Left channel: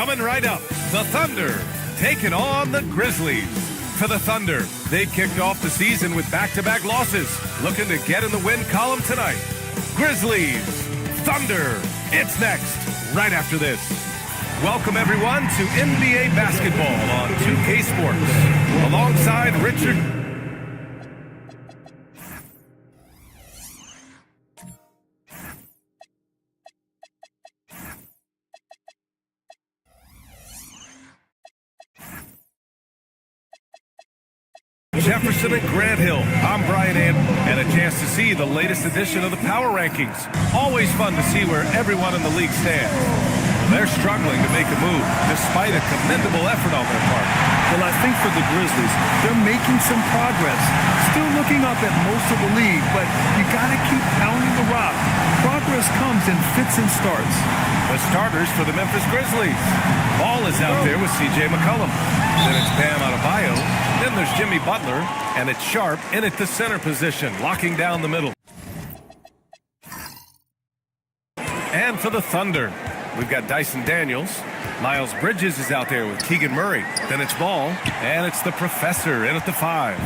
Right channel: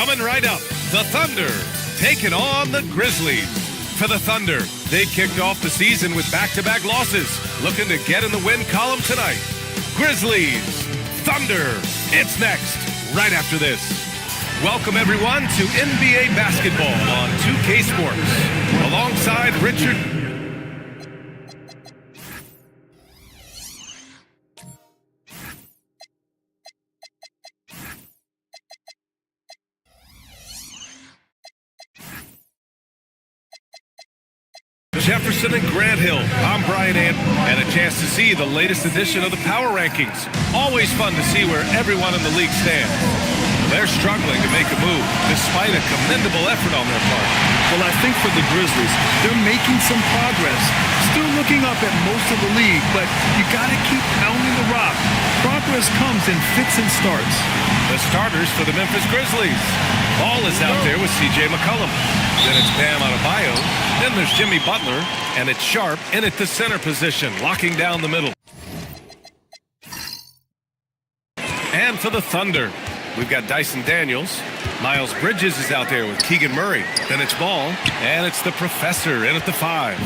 Coming right up, the Thunder taking on the Grizzlies. For the Thunder, they kicked off the season with back-to-back losses, looking to get in the win column tonight. Grizzlies, Thunder, it's next, right after this. Welcome everyone to NBA basketball on 2K Sports. Alongside Richard. Jefferson and Grant Hill. I'm Brian and a chance to see the latest edition of the Power Rankings. Always fun to see where everyone in the league stands. They're struggling to make a move, despite a commendable effort on their part. Well, I think for the Grizzlies, they're making some progress. Still looking up at most of the league, but you got to keep pounding the rock. Progress comes in fits and starts. The starters for the Memphis Grizzlies. Ball is out there with C.J. McCollum. Then it's Bam Adebayo. Then there's Jimmy Butler, and it's Sharp in at the center position, locking down the middle. And for the Thunder, we've got Dyson Daniels. Miles Bridges is out there with Keegan Murray. Then it's Ball, and it's the Professor in at the 5.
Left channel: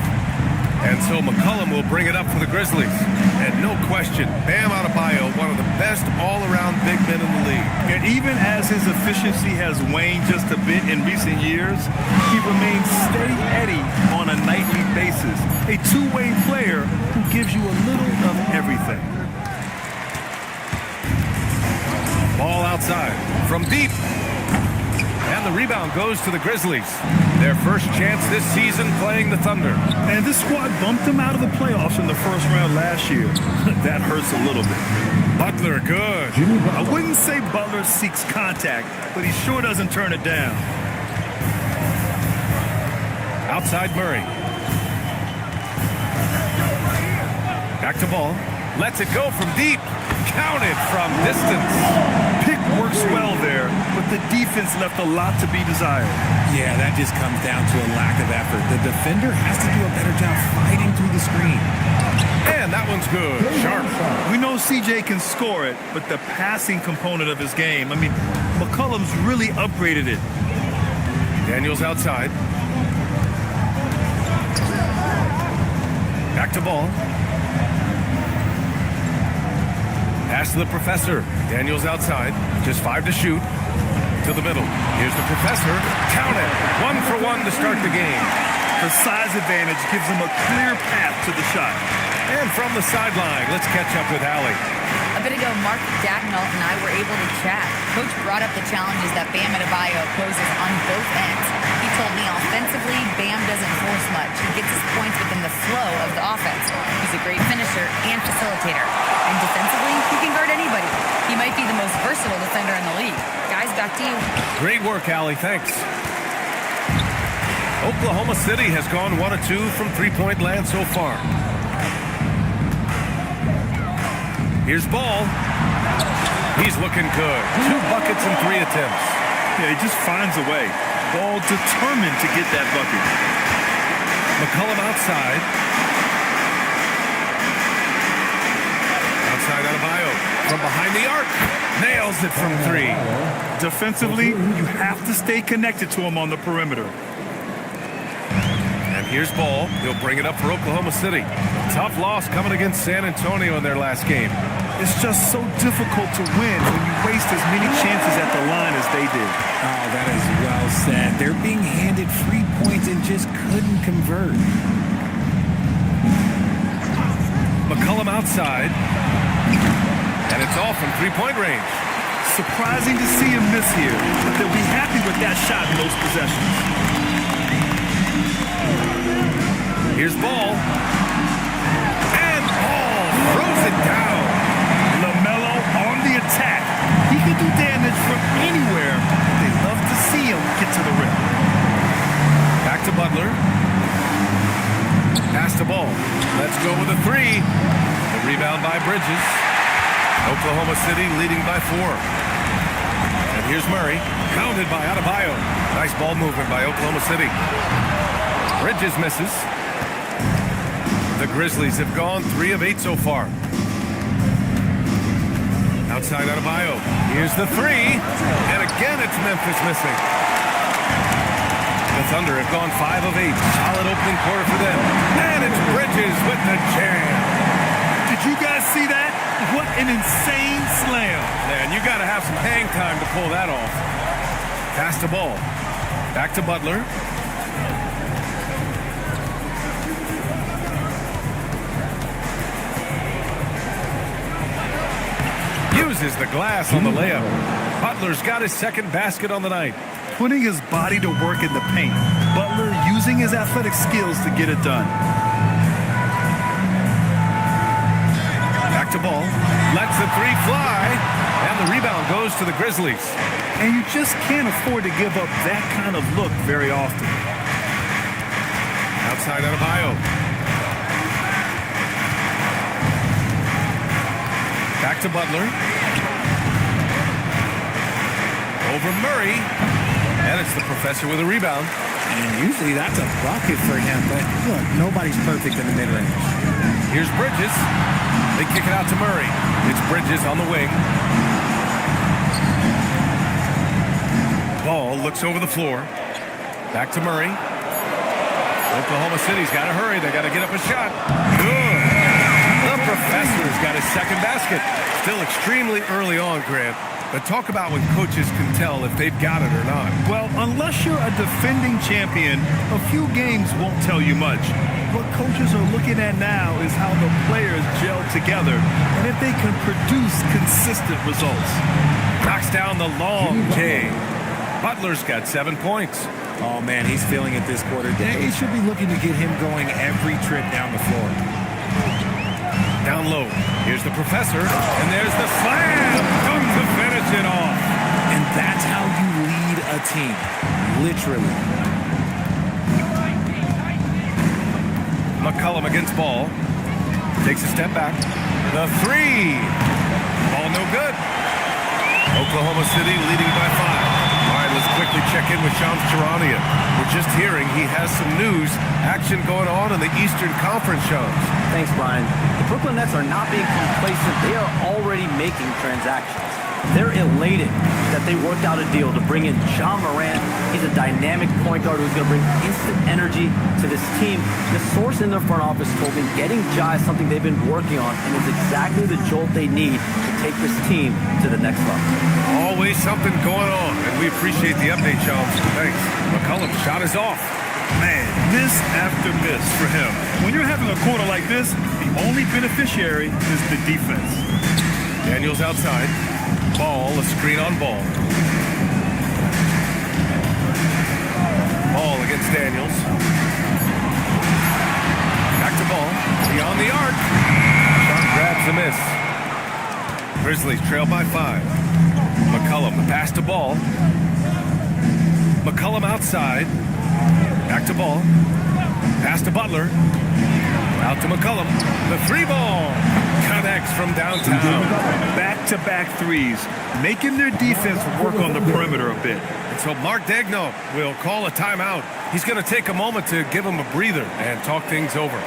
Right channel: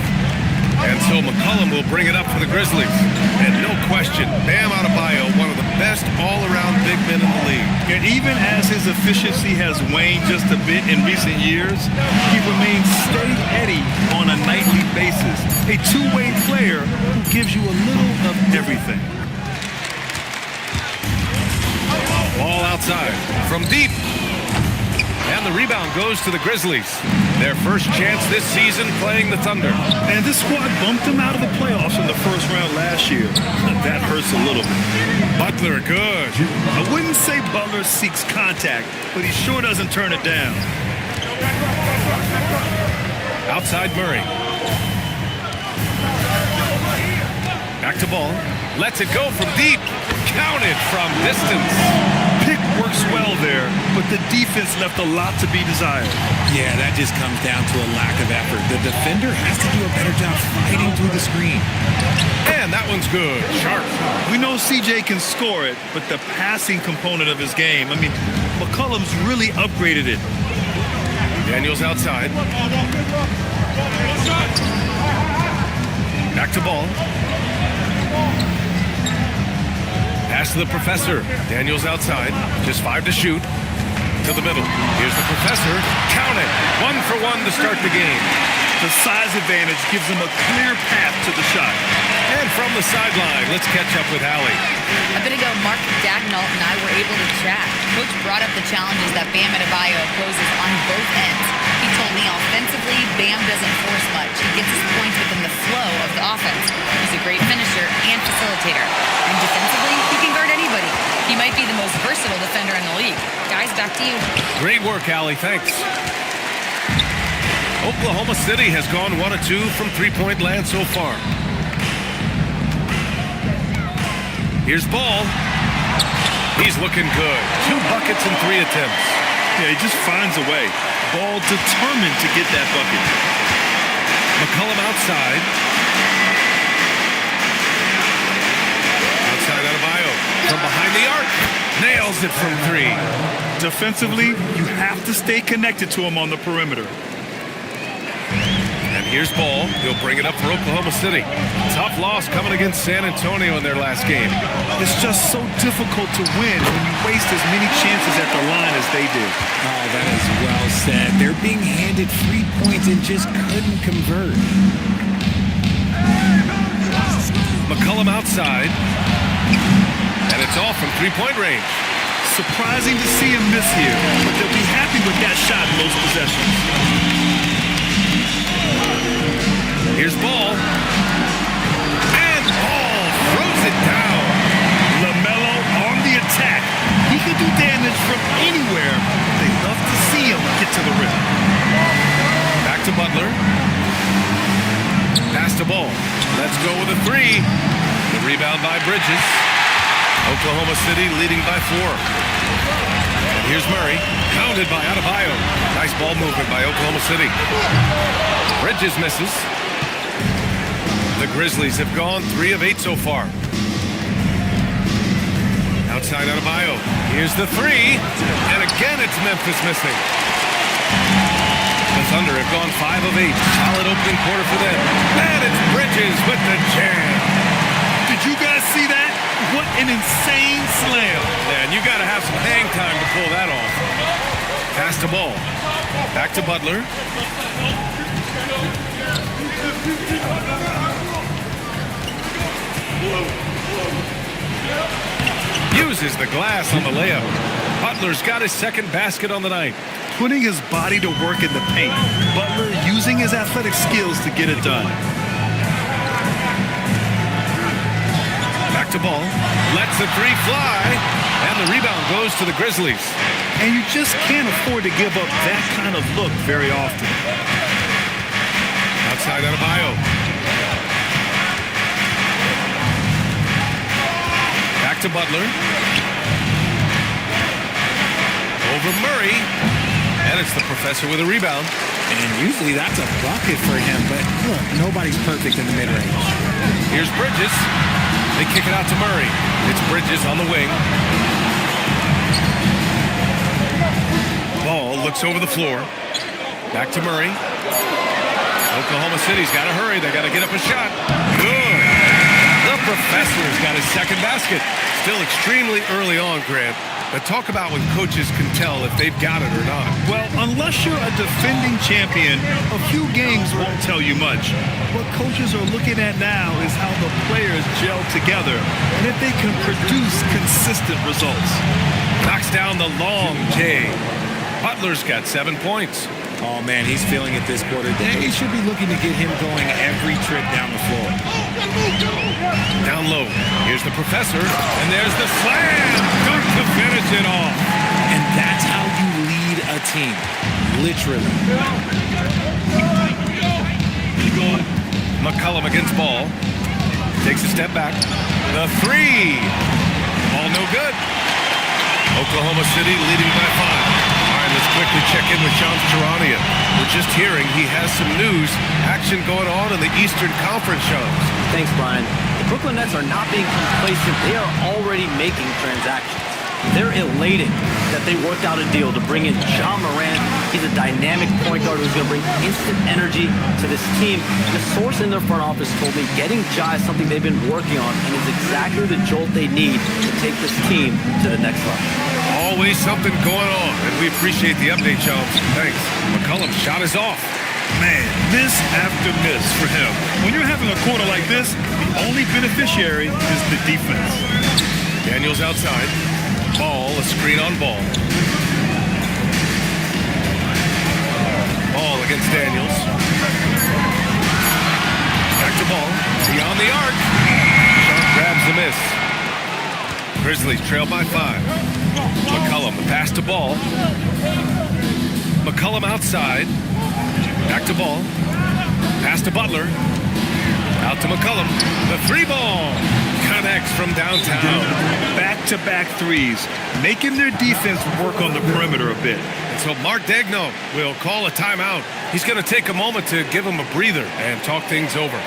And so McCollum will bring it up for the Grizzlies. And no question, Bam Adebayo, one of the best all-around big men in the league. And even as his efficiency has waned just a bit in recent years, he remains steady on a nightly basis. A two-way player who gives you a little of everything. Ball outside from deep. And the rebound goes to the Grizzlies. Their first chance this season playing the Thunder. And this squad bumped them out of the playoffs in the first round last year. That hurts a little bit. Butler, good. I wouldn't say Butler seeks contact, but he sure doesn't turn it down. Outside Murray. Back to Ball. Lets it go from deep. Counted from distance. Pick works well there, but the defense left a lot to be desired. Yeah, that just comes down to a lack of effort. The defender has to do a better job fighting through the screen. And that one's good. Sharp. We know CJ can score it, but the passing component of his game, I mean, McCollum's really upgraded it. Daniels outside. Back to Ball. Pass to the Professor. Daniels outside. Just 5 to shoot. To the middle. Here's the Professor. Count it. 1 for 1 to start the game. The size advantage gives him a clear path to the shot. And from the sideline, let's catch up with Allie. A bit ago, Mark Dagnall and I were able to chat. Coach brought up the challenges that Bam Adebayo poses on both ends. He told me offensively, Bam doesn't force much. He gets his points within the flow of the offense. He's a great finisher and facilitator. And defensively, he can guard anybody. He might be the most versatile defender in the league. Guys, back to you. Great work, Allie. Thanks. Oklahoma City has gone 1 of 2 from three-point land so far. Here's Ball. He's looking good. 2 buckets and 3 attempts. Yeah, he just finds a way. Ball determined to get that bucket. McCollum outside. Outside Adebayo. From behind the arc. Nails it from 3. Defensively, you have to stay connected to him on the perimeter. And here's Ball. He'll bring it up for Oklahoma City. Tough loss coming against San Antonio in their last game. It's just so difficult to win when you waste as many chances at the line as they did. Oh, that is well said. They're being handed free points and just couldn't convert. McCollum outside. And it's off from three-point range. Surprising to see him miss here, but they'll be happy with that shot in those possessions. Here's Ball. And Ball throws it down. LaMelo on the attack. He can do damage from anywhere. They love to see him get to the rim. Back to Butler. Pass to Ball. Let's go with a 3. The rebound by Bridges. Oklahoma City leading by 4. And here's Murray. Pounded by Adebayo. Nice ball movement by Oklahoma City. Bridges misses. The Grizzlies have gone 3 of 8 so far. Outside Adebayo. Here's the three. And again, it's Memphis missing. The Thunder have gone 5 of 8. Solid opening quarter for them. And it's Bridges with the jam. Did you guys see that? What an insane slam. Man, you got to have some hang time to pull that off. Pass the ball. Back to Butler. Uses the glass on the layup. Butler's got his second basket on the night. Putting his body to work in the paint. Butler using his athletic skills to get it done. Back to ball. Lets the three fly. And the rebound goes to the Grizzlies. And you just can't afford to give up that kind of look very often. Outside Adebayo. Back to Butler. Over Murray. And it's the professor with a rebound. And usually that's a bucket for him, but look, nobody's perfect in the mid-range. Here's Bridges. They kick it out to Murray. It's Bridges on the wing. Ball looks over the floor. Back to Murray. Oklahoma City's got to hurry. They got to get up a shot. Good. The professor's got his second basket. Still extremely early on, Grant. But talk about when coaches can tell if they've got it or not. Well, unless you're a defending champion, a few games won't tell you much. What coaches are looking at now is how the players gel together and if they can produce consistent results. Knocks down the long J. Butler's got 7 points. Oh, man, he's feeling it this quarter. They should be looking to get him going every trip down the floor. Down low. Here's the professor. And there's the slam. Dunk to finish it off. And that's how you lead a team. Literally. McCollum against Ball. Takes a step back. The three. Ball no good. Oklahoma City leading by 5. All right, let's quickly check in with Shams Charania. We're just hearing he has some news, action going on in the Eastern Conference, Shams. Thanks, Brian. The Brooklyn Nets are not being complacent. They are already making transactions. They're elated that they worked out a deal to bring in Ja Morant. He's a dynamic point guard who's going to bring instant energy to this team. The source in their front office told me getting Ja is something they've been working on and is exactly the jolt they need to take this team to the next level. Always something going on, and we appreciate the update, Shams. Thanks. McCollum's shot is off. Man, miss after miss for him. When you're having a quarter like this, the only beneficiary is the defense. Daniels outside. Ball, a screen on Ball. Ball against Daniels. Back to Ball. Beyond the arc. Shot grabs the miss. Grizzlies trail by 5. McCollum, the pass to Ball. McCollum outside. Back to Ball. Pass to Butler. Out to McCollum. The three ball connects from downtown. Back-to-back threes, making their defense work on the perimeter a bit. And so Mark Daigneault will call a timeout. He's going to take a moment to give him a breather and talk things over.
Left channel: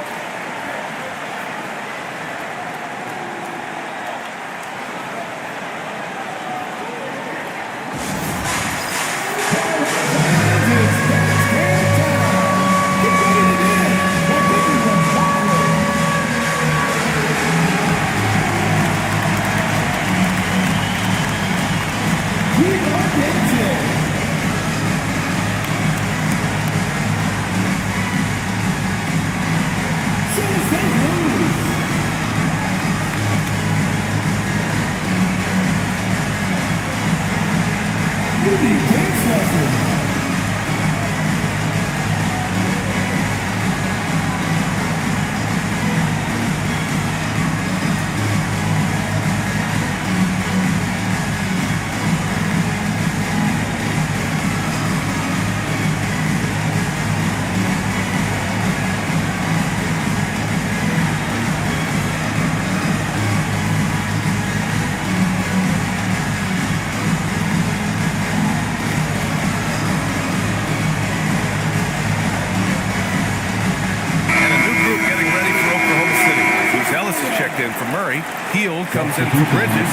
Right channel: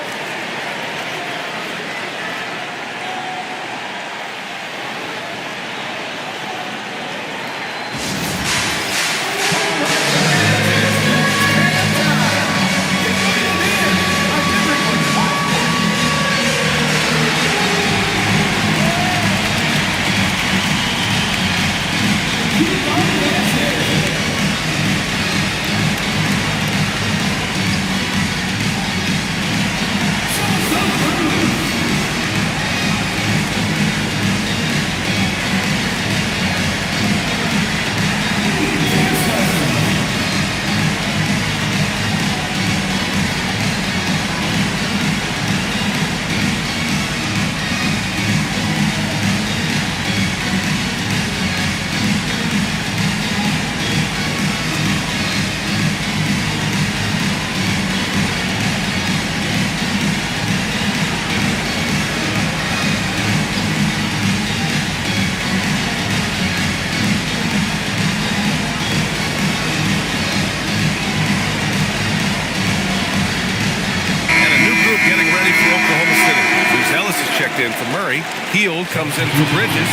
checked in for Murray. Heald comes in for Bridges.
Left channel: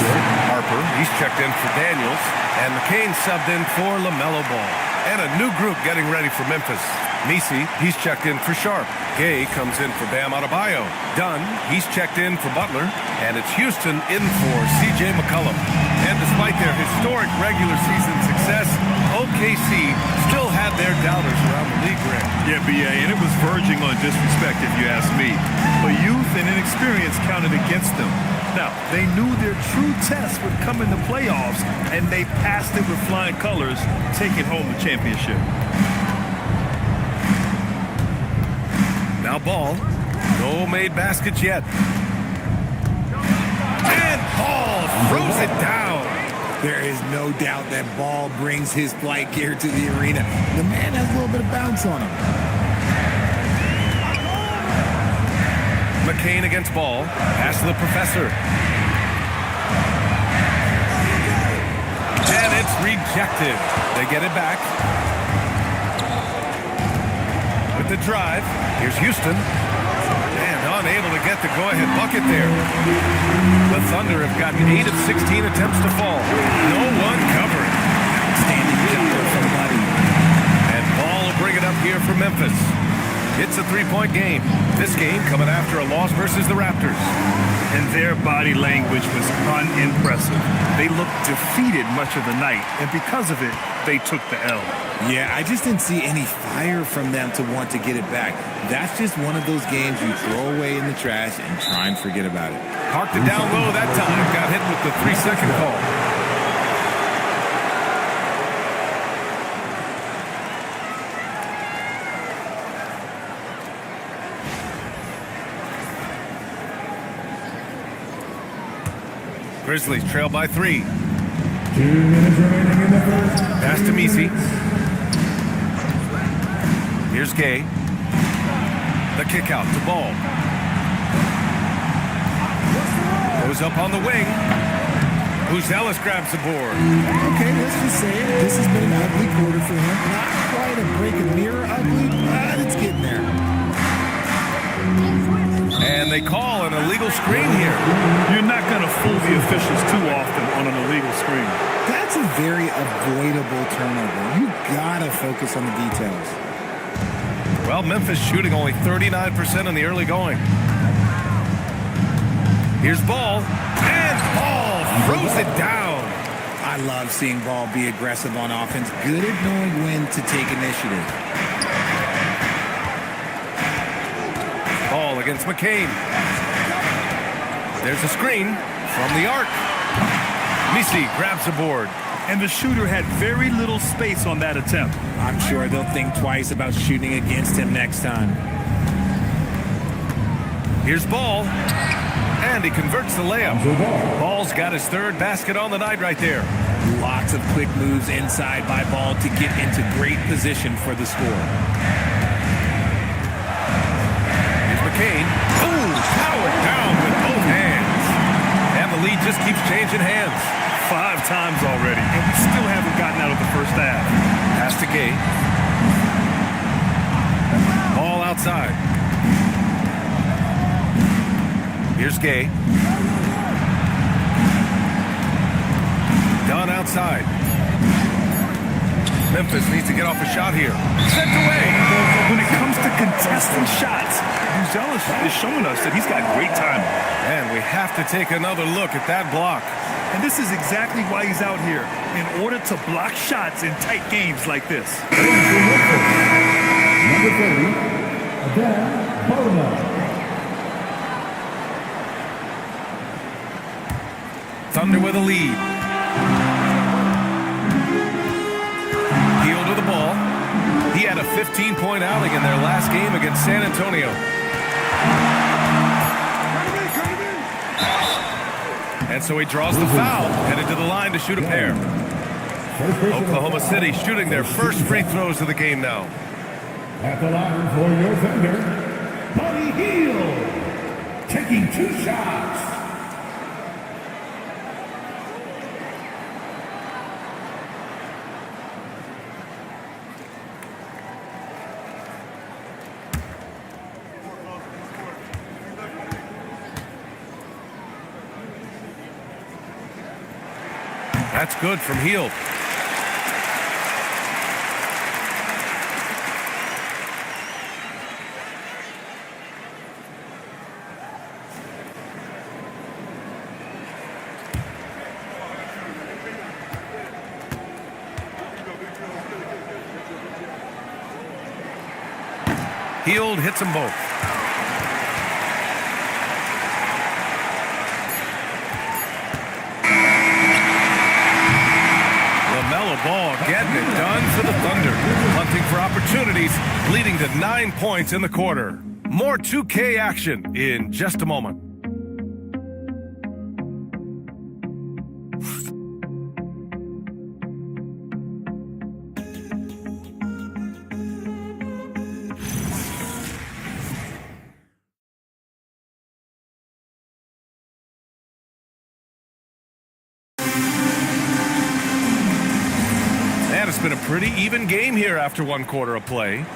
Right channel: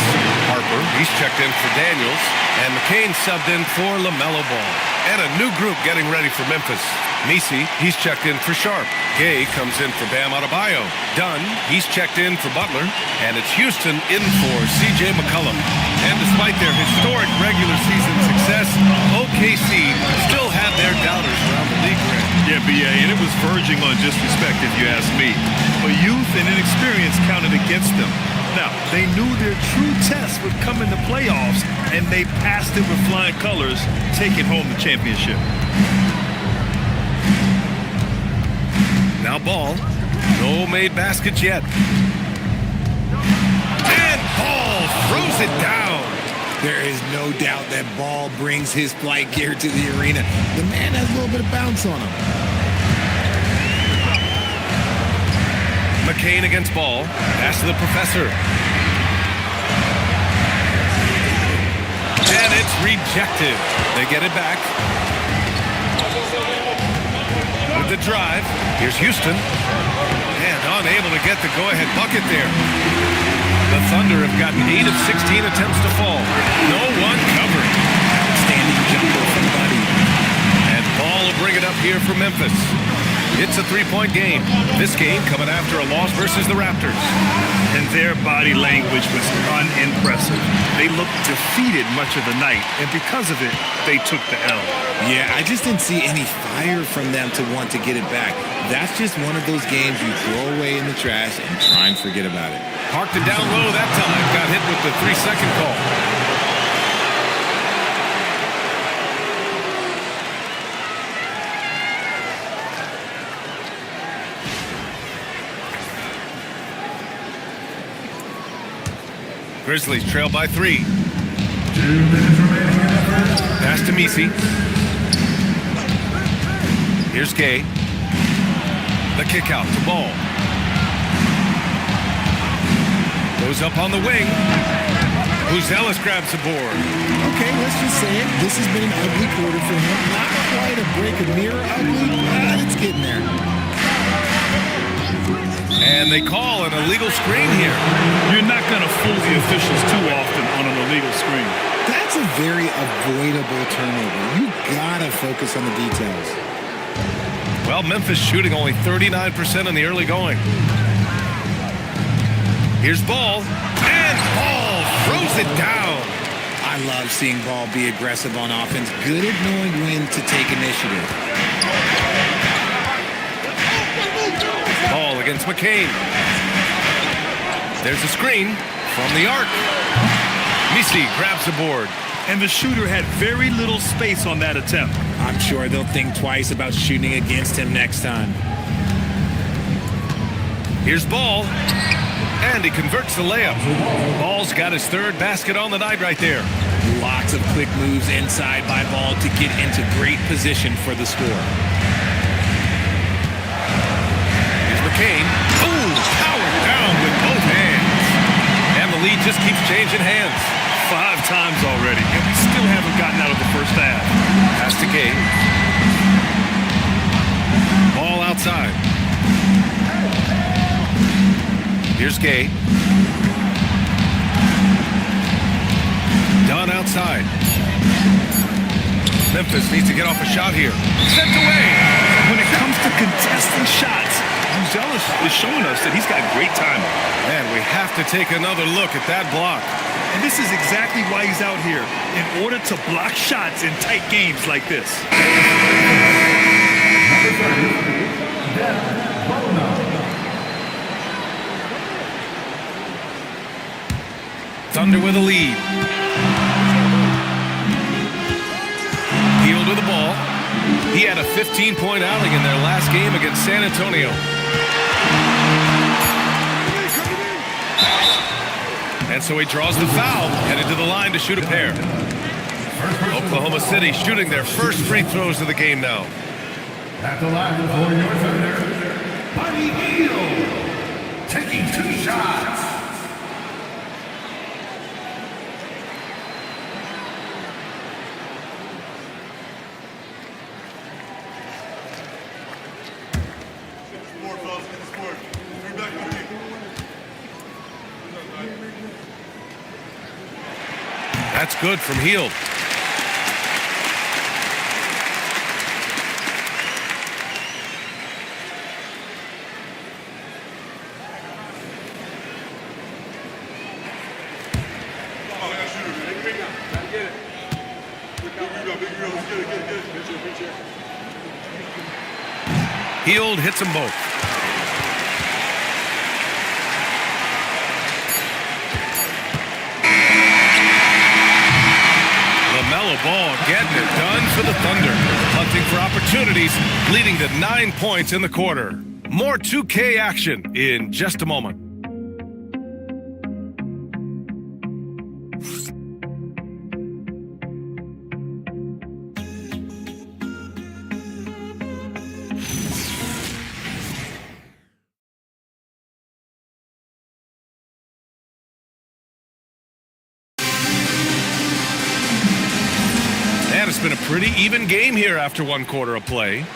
Harper, he's checked in for Daniels. And McCain subbed in for LaMelo Ball. And a new group getting ready for Memphis. Messi, he's checked in for Sharp. Gay comes in for Bam Adebayo. Dunn, he's checked in for Butler. And it's Houston in for C.J. McCollum. And despite their historic regular season success, OKC still had their doubters around the league rim. Yeah, B.A., and it was verging on disrespect if you ask me. But youth and inexperience counted against them. Now, they knew their true test would come in the playoffs, and they passed it with flying colors, taking home the championship. Now Ball. No made baskets yet. And Ball throws it down. There is no doubt that Ball brings his flight gear to the arena. The man has a little bit of bounce on him. McCain against Ball. Pass to the professor. And it's rejected. They get it back. With the drive, here's Houston. And unable to get the go-ahead bucket there. The Thunder have gotten 8 of 16 attempts to fall. No one covering. Outstanding jumper from Buddy. And Ball will bring it up here for Memphis. It's a three-point game. This game coming after a loss versus the Raptors. And their body language was unimpressive. They looked defeated much of the night, and because of it, they took the L. Yeah, I just didn't see any fire from them to want to get it back. That's just one of those games you throw away in the trash and try and forget about it. Parked it down low that time. Got hit with the 3-second call. Grizzlies trail by 3. 2 minutes remaining in the first. Pass to Messi. Here's Gay. The kick out to Ball. Goes up on the wing. Ellis grabs the board. Okay, let's just say it. This has been an ugly quarter for him. Not quite a break of mirror ugly, but it's getting there. And they call an illegal screen here. You're not going to fool the officials too often on an illegal screen. That's a very avoidable turnover. You gotta focus on the details. Well, Memphis shooting only 39% in the early going. Here's Ball. And Ball throws it down. I love seeing Ball be aggressive on offense. Good at knowing when to take initiative. Ball against McCain. There's a screen from the arc. Messi grabs the board. And the shooter had very little space on that attempt. I'm sure they'll think twice about shooting against him next time. Here's Ball. And he converts the layup. Ball's got his third basket on the night right there. Lots of quick moves inside by Ball to get into great position for the score. Here's McCain. Ooh, powered down with both hands. And the lead just keeps changing hands. 5 times already, and we still haven't gotten out of the first half. Pass to Gay. Ball outside. Here's Gay. Dunn outside. Memphis needs to get off a shot here. Sent away. When it comes to contesting shots, Ellis is showing us that he's got great timing. And we have to take another look at that block. And this is exactly why he's out here, in order to block shots in tight games like this. Number 30, Dan Baldwin. Thunder with a lead. Heald with the ball. He had a 15-point outing in their last game against San Antonio. And so he draws the foul, headed to the line to shoot a pair. Oklahoma City shooting their first free throws of the game now. At the line for your Thunder, Buddy Hield, taking 2 shots. That's good from Hield. Hield hits them both. LaMelo Ball getting it done for the Thunder. Hunting for opportunities, leading to 9 points in the quarter. More 2K action in just a moment. And it's been a pretty even game here after 1 quarter of play.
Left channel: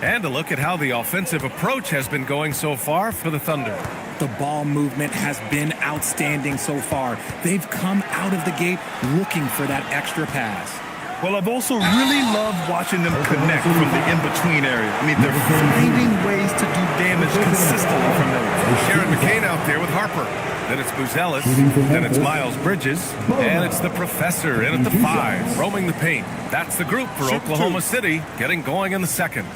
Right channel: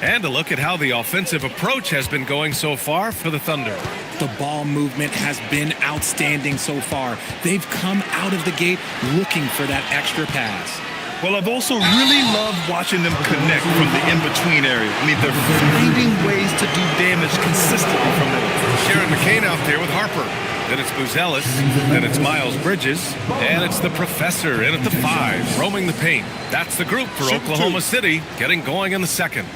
And a look at how the offensive approach has been going so far for the Thunder. The ball movement has been outstanding so far. They've come out of the gate looking for that extra pass. Well, I've also really loved watching them connect from the in-between area. I mean, they're finding ways to do damage consistently from there. Sharon McCain out there with Harper. Then it's Buzelis. Then it's Miles Bridges. And it's the Professor in at the 5, roaming the paint. That's the group for Oklahoma City, getting going in the second.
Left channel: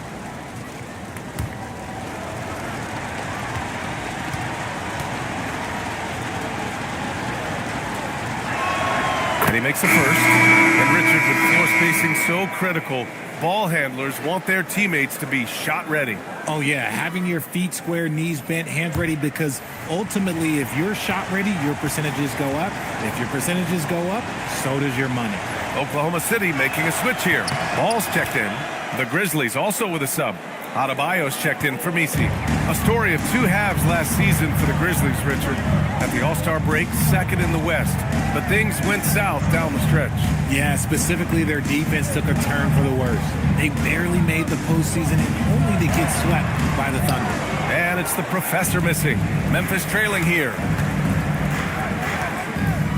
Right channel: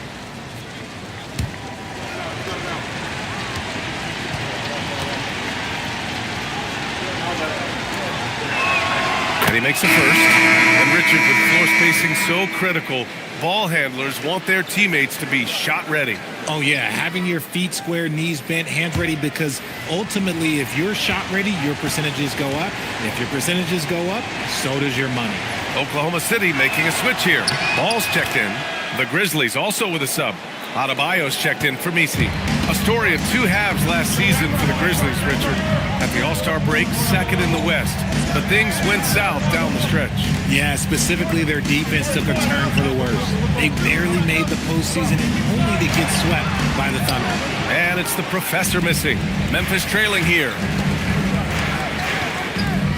And he makes the first. And Richard, with floor spacing so critical, ball handlers want their teammates to be shot ready. Oh, yeah, having your feet square, knees bent, hands ready, because ultimately, if you're shot ready, your percentages go up. If your percentages go up, so does your money. Oklahoma City making a switch here. Ball's checked in. The Grizzlies also with a sub. Adebayo's checked in for Misi. A story of 2 halves last season for the Grizzlies, Richard. At the All-Star break, second in the West. But things went south down the stretch. Yeah, specifically their defense took a turn for the worse. They barely made the postseason and only to get swept by the Thunder. And it's the Professor missing. Memphis trailing here.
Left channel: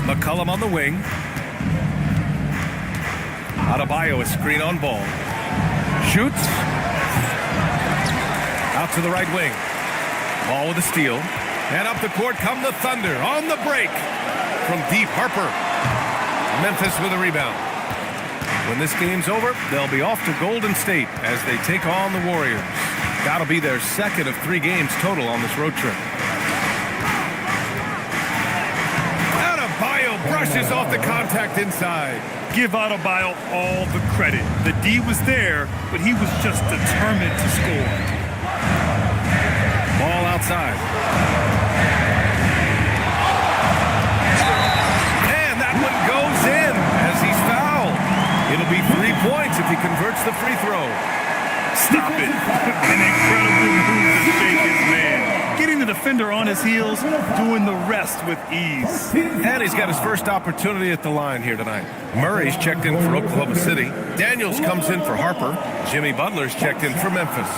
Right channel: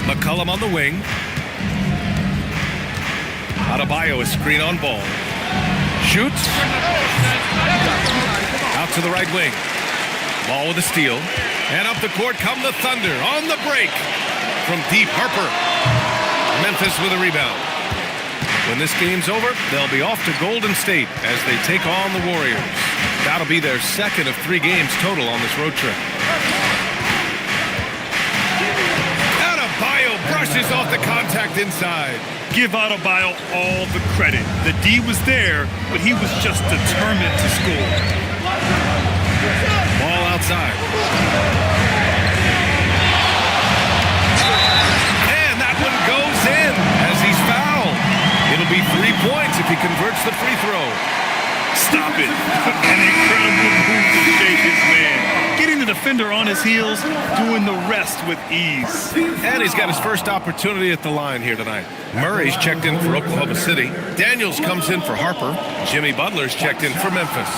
McCollum on the wing. Adebayo is screen on Ball. Shoots. Out to the right wing. Ball with a steal. And up the court come the Thunder on the break. From deep, Harper. Memphis with a rebound. When this game's over, they'll be off to Golden State as they take on the Warriors. That'll be their second of 3 games total on this road trip. Adebayo brushes off the contact inside. Give Adebayo all the credit. The D was there, but he was just determined to score. Ball outside. And that one goes in as he's fouled. It'll be 3 points if he converts the free throw. Stop it. An incredible move to shake his man. Getting the defender on his heels, doing the rest with ease. And he's got his first opportunity at the line here tonight. Murray's checked in for Oklahoma City. Daniels comes in for Harper. Jimmy Butler's checked in for Memphis.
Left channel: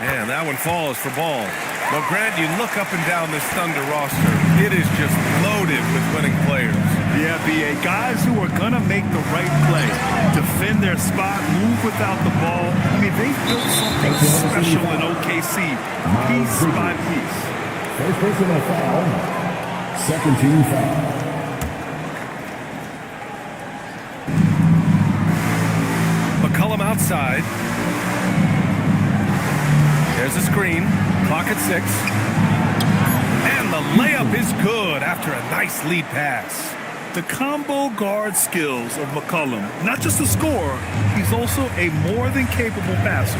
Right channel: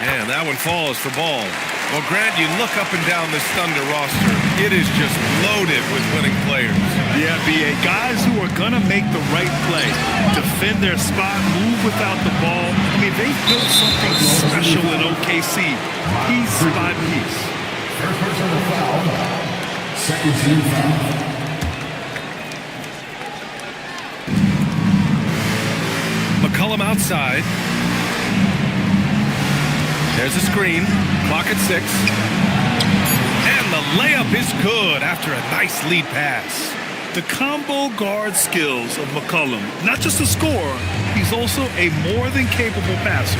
And that one falls for Ball. Well, Grant, you look up and down this Thunder roster. It is just loaded with winning players. Yeah, B.A. Guys who are going to make the right play, defend their spot, move without the ball. I mean, they've built something special in OKC, piece by piece. First personal foul. Second team foul. McCollum outside. There's a screen. Clock at 6. And the layup is good after a nice lead pass. The combo guard skills of McCollum, not just a scorer, he's also a more than capable passer.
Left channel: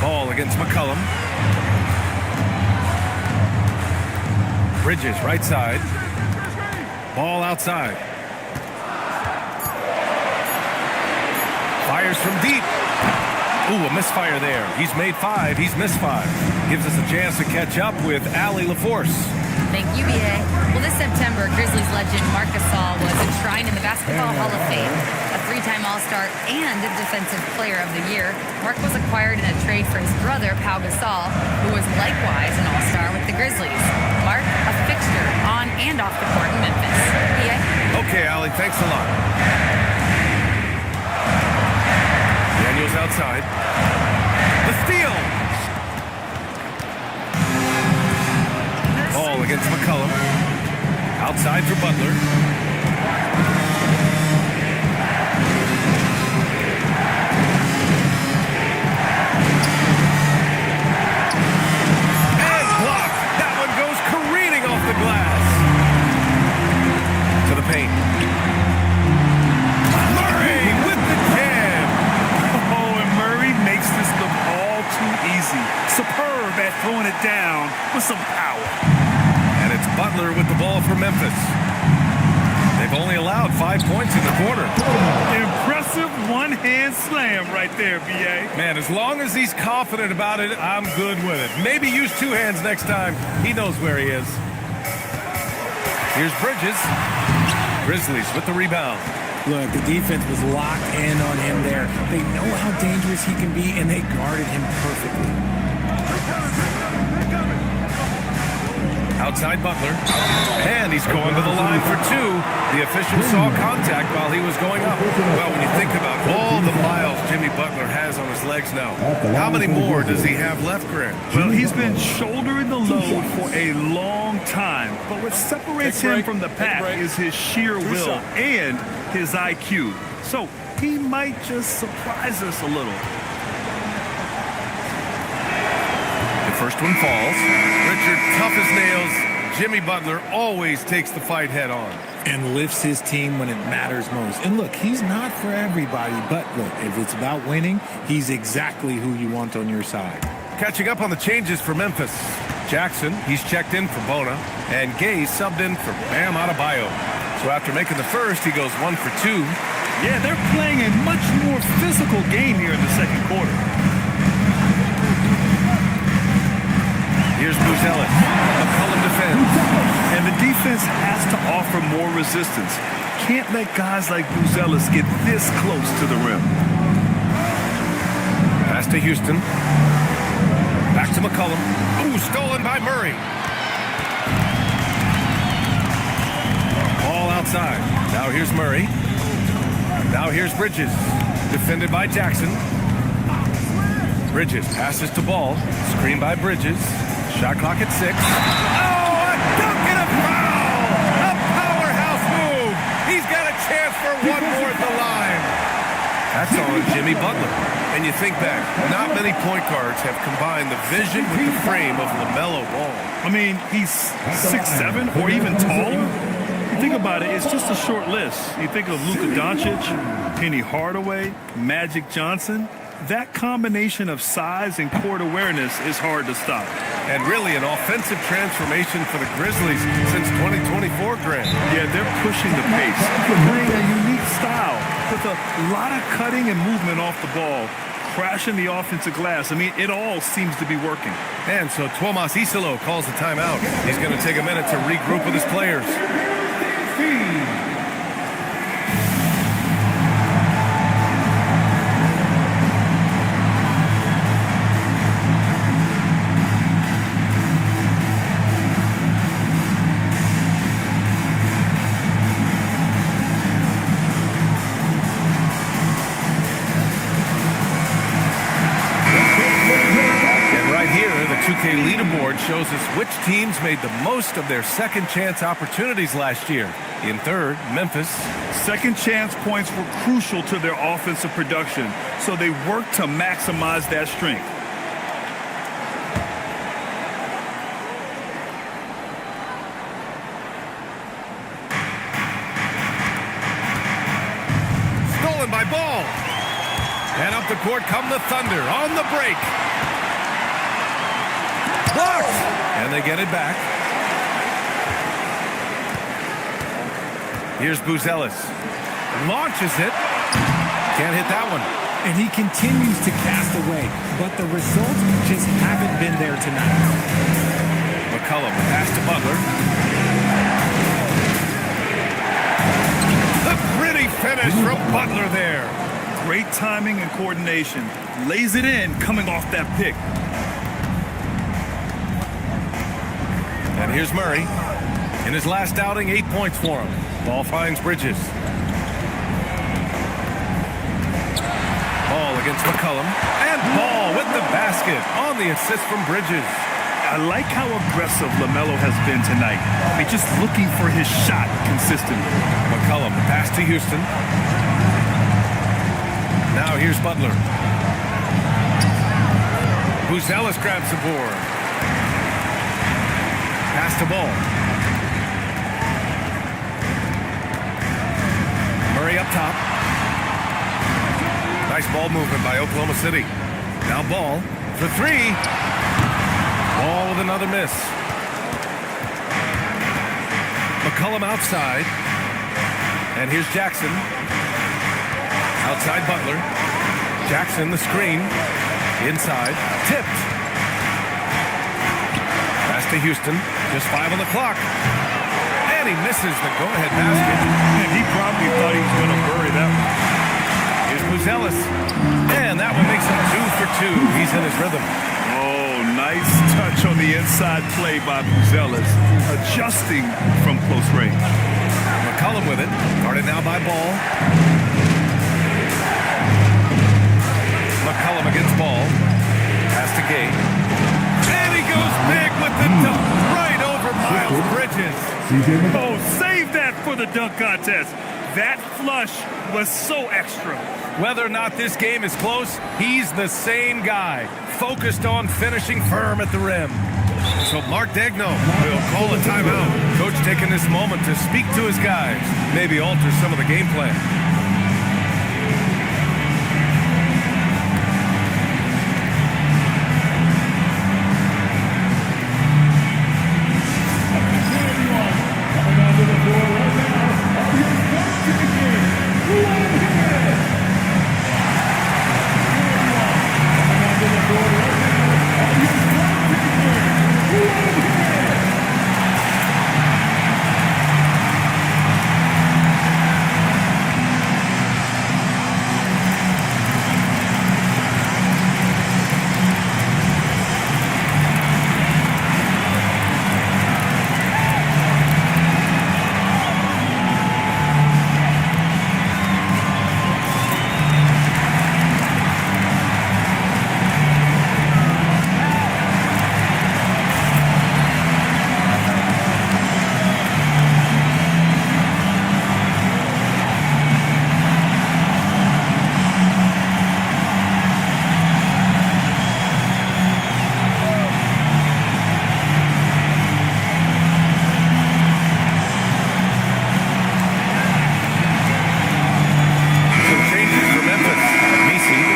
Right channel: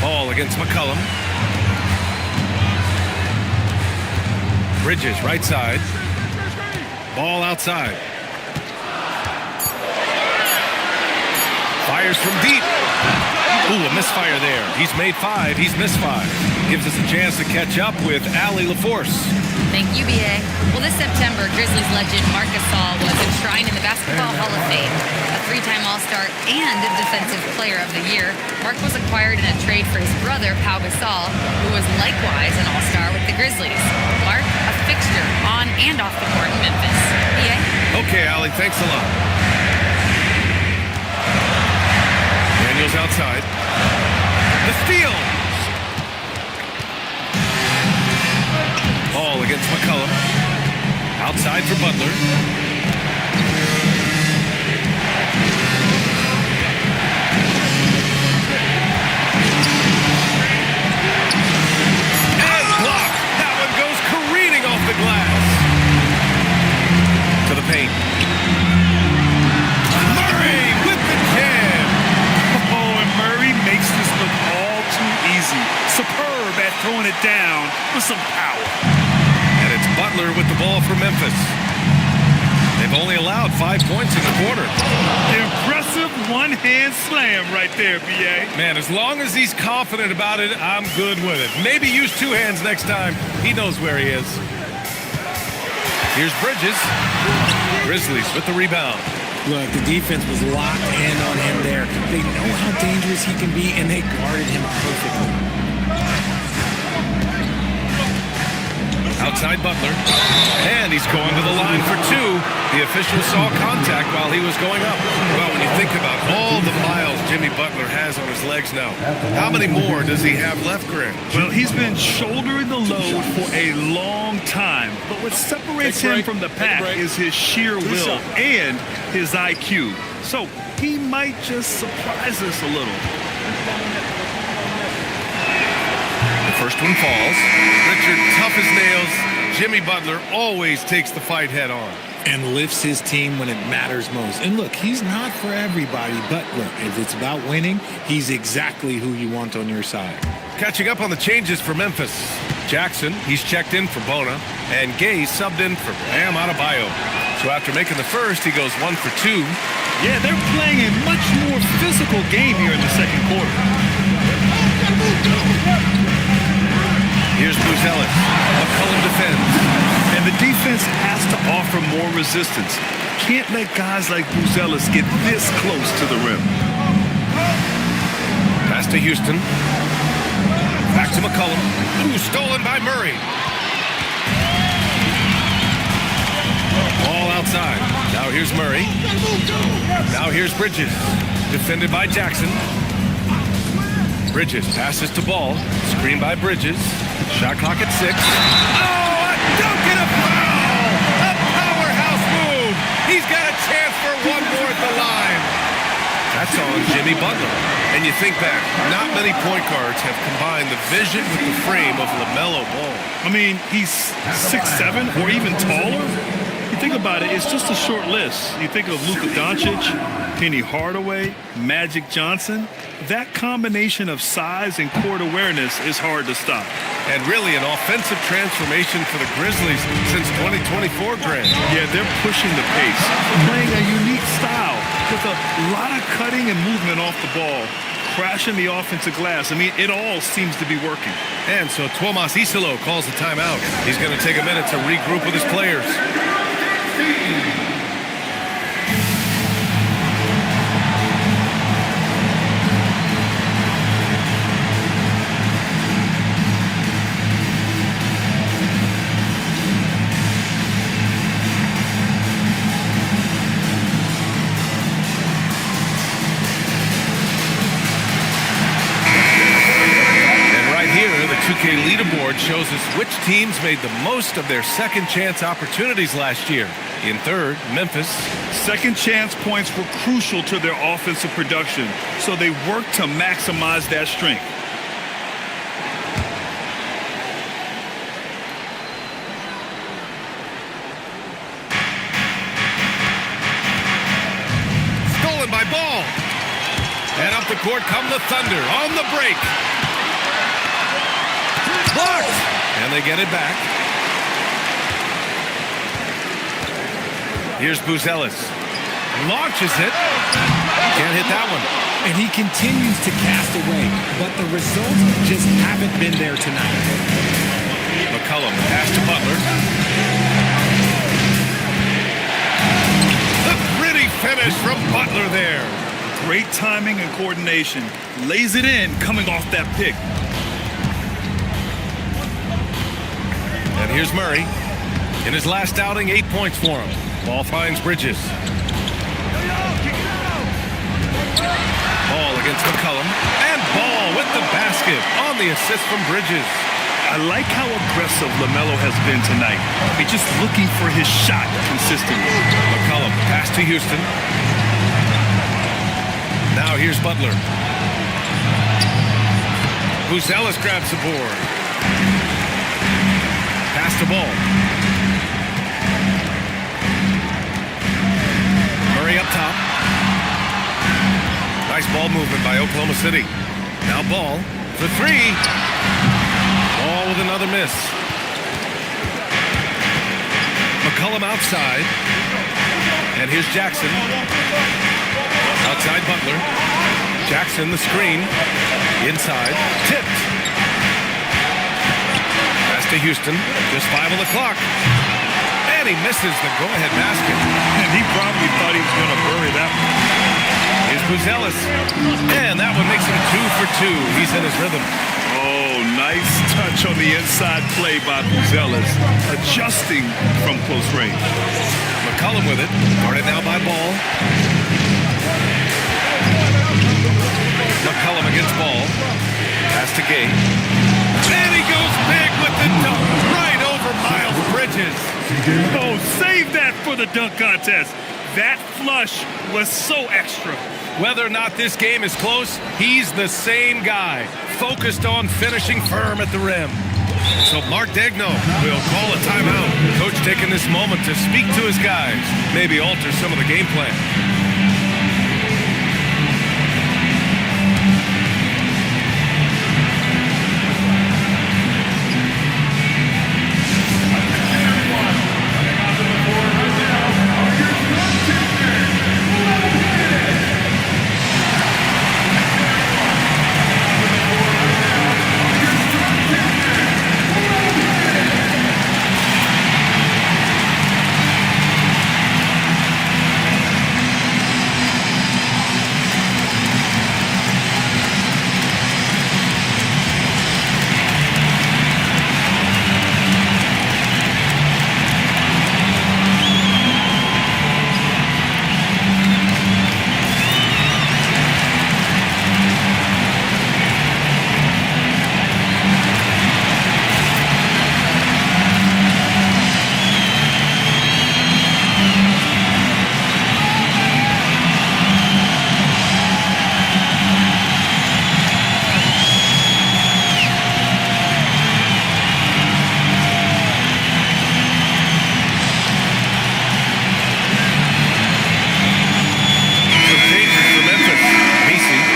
Ball against McCollum. Bridges right side. Ball outside. Fires from deep. Ooh, a misfire there. He's made 5. He's missed 5. Gives us a chance to catch up with Allie LaForce. Thank you, B.A. Well, this September, Grizzlies legend Marc Gasol was enshrined in the Basketball Hall of Fame. A three-time All-Star and Defensive Player of the Year, Marc was acquired in a trade for his brother, Pau Gasol, who was likewise an All-Star with the Grizzlies. Marc, a fixture on and off the court in Memphis. B.A.? Okay, Allie, thanks a lot. Daniels outside. The steal! Ball against McCollum. Outside for Butler. And blocked. That one goes careening off the glass. To the paint. Murray with the jam. Oh, and Murray makes this look all too easy. Superb at throwing it down with some power. And it's Butler with the ball for Memphis. They've only allowed 5 points in the quarter. Impressive one-hand slam right there, B.A. Man, as long as he's confident about it, I'm good with it. Maybe use 2 hands next time. He knows where he is. Here's Bridges. Grizzlies with the rebound. Look, the defense was locked in on him there. They know how dangerous he can be, and they guarded him perfectly. Outside Butler. And he's going to the line for 2. The official saw contact while he was going up. Well, when you think about all the miles Jimmy Butler has on his legs now, how many more does he have left, Grant? Well, he's been shouldering the load for a long time. But what separates him from the pack is his sheer will and his IQ. So he might just surprise us a little. The first one falls. Richard, tough as nails. Jimmy Butler always takes the fight head on. And lifts his team when it matters most. And look, he's not for everybody, but look, if it's about winning, he's exactly who you want on your side. Catching up on the changes for Memphis. Jackson, he's checked in for Bona, and Gay subbed in for Bam Adebayo. So after making the first, he goes 1 for 2. Yeah, they're playing a much more physical game here in the second quarter. Here's Buzelis. McCollum defends. And the defense has to offer more resistance. Can't let guys like Buzelis get this close to the rim. Pass to Houston. Back to McCollum. Ooh, stolen by Murray. Ball outside. Now here's Murray. Now here's Bridges. Defended by Jackson. Bridges passes to Ball. Screen by Bridges. Shot clock at 6. Oh, a dunk and a foul! A powerhouse move! He's got a chance for one more at the line. That's on Jimmy Butler. And you think back, not many point guards have combined the vision with the frame of LaMelo Ball. I mean, he's 6'7" or even taller. You think about it, it's just a short list. You think of Luka Doncic, Penny Hardaway, Magic Johnson. That combination of size and court awareness is hard to stop. And really an offensive transformation for the Grizzlies since 2024, Grant. Yeah, they're pushing the pace. They're playing a unique style with a lot of cutting and movement off the ball, crashing the offensive glass. I mean, it all seems to be working. And so Tuomas Isalo calls the timeout. He's going to take a minute to regroup with his players. Here, the 2K leaderboard shows us which teams made the most of their second chance opportunities last year. In third, Memphis. Second chance points were crucial to their offensive production, so they worked to maximize that strength. Stolen by Ball. And up the court come the Thunder on the break. Blocked. And they get it back. Here's Buzelis. Launches it. Can't hit that one. And he continues to cast away, but the results just haven't been there tonight. McCollum, the pass to Butler. The gritty finish from Butler there. Great timing and coordination. Lays it in coming off that pick. And here's Murray. In his last outing, 8 points for him. Ball finds Bridges. Ball against McCollum. And Ball with the basket on the assist from Bridges. I like how aggressive LaMelo has been tonight. I mean, just looking for his shot consistently. McCollum, the pass to Houston. Now here's Butler. Buzelis grabs the board. Pass to Ball. Murray up top. Nice ball movement by Oklahoma City. Now Ball for three. Ball with another miss. McCollum outside. And here's Jackson. Outside Butler. Jackson the screen. Inside. Tipped. Pass to Houston. Just 5 on the clock. And he misses the go-ahead basket. And he probably thought he was going to bury that one. Here's Buzelis. And that one makes him 2 for 2. He's in his rhythm. Oh, nice touch on the inside play by Buzelis. Adjusting from close range. McCollum with it. Guarded now by Ball. McCollum against Ball. Pass to Gay. And he goes big with the dunk. Right over Miles Bridges. Oh, save that for the dunk contest. That flush was so extra. Whether or not this game is close, he's the same guy. Focused on finishing firm at the rim. So Mark Daigneault will call a timeout. Coach taking this moment to speak to his guys. Maybe alter some of the game plan.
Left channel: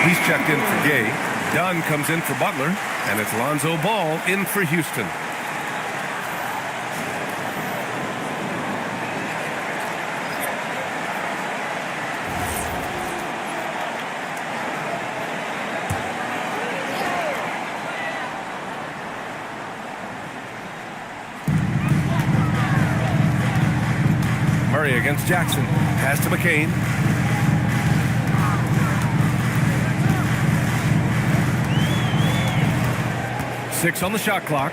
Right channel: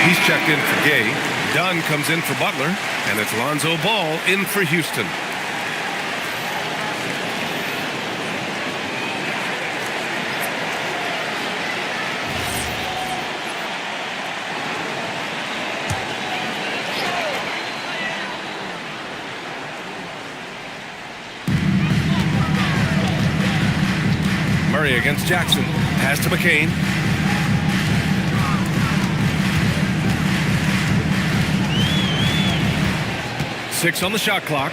He's checked in for Gay. Dunn comes in for Butler. And it's Lonzo Ball in for Houston. Murray against Jackson. Pass to McCain. Six on the shot clock.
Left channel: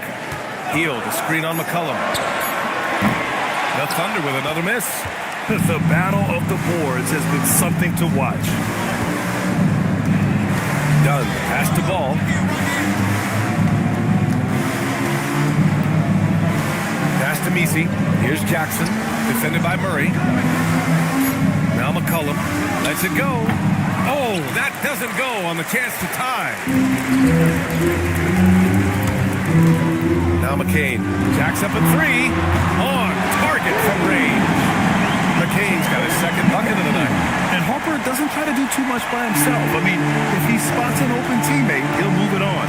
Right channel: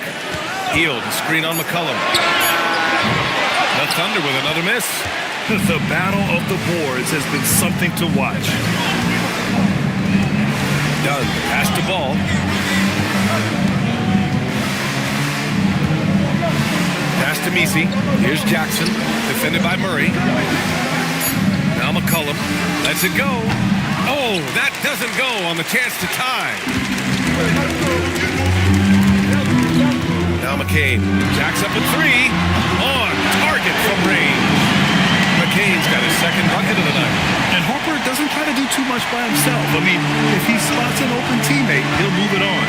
Hield, a screen on McCollum. The Thunder with another miss. The battle of the boards has been something to watch. Dunn, pass to Ball. Pass to Messi. Here's Jackson, defended by Murray. Now McCollum lets it go. Oh, that doesn't go on the chance to tie. Now McCain jacks up a three. On target from range. McCain's got his second bucket of the night. And Harper doesn't try to do too much by himself. I mean, if he spots an open teammate, he'll move it on.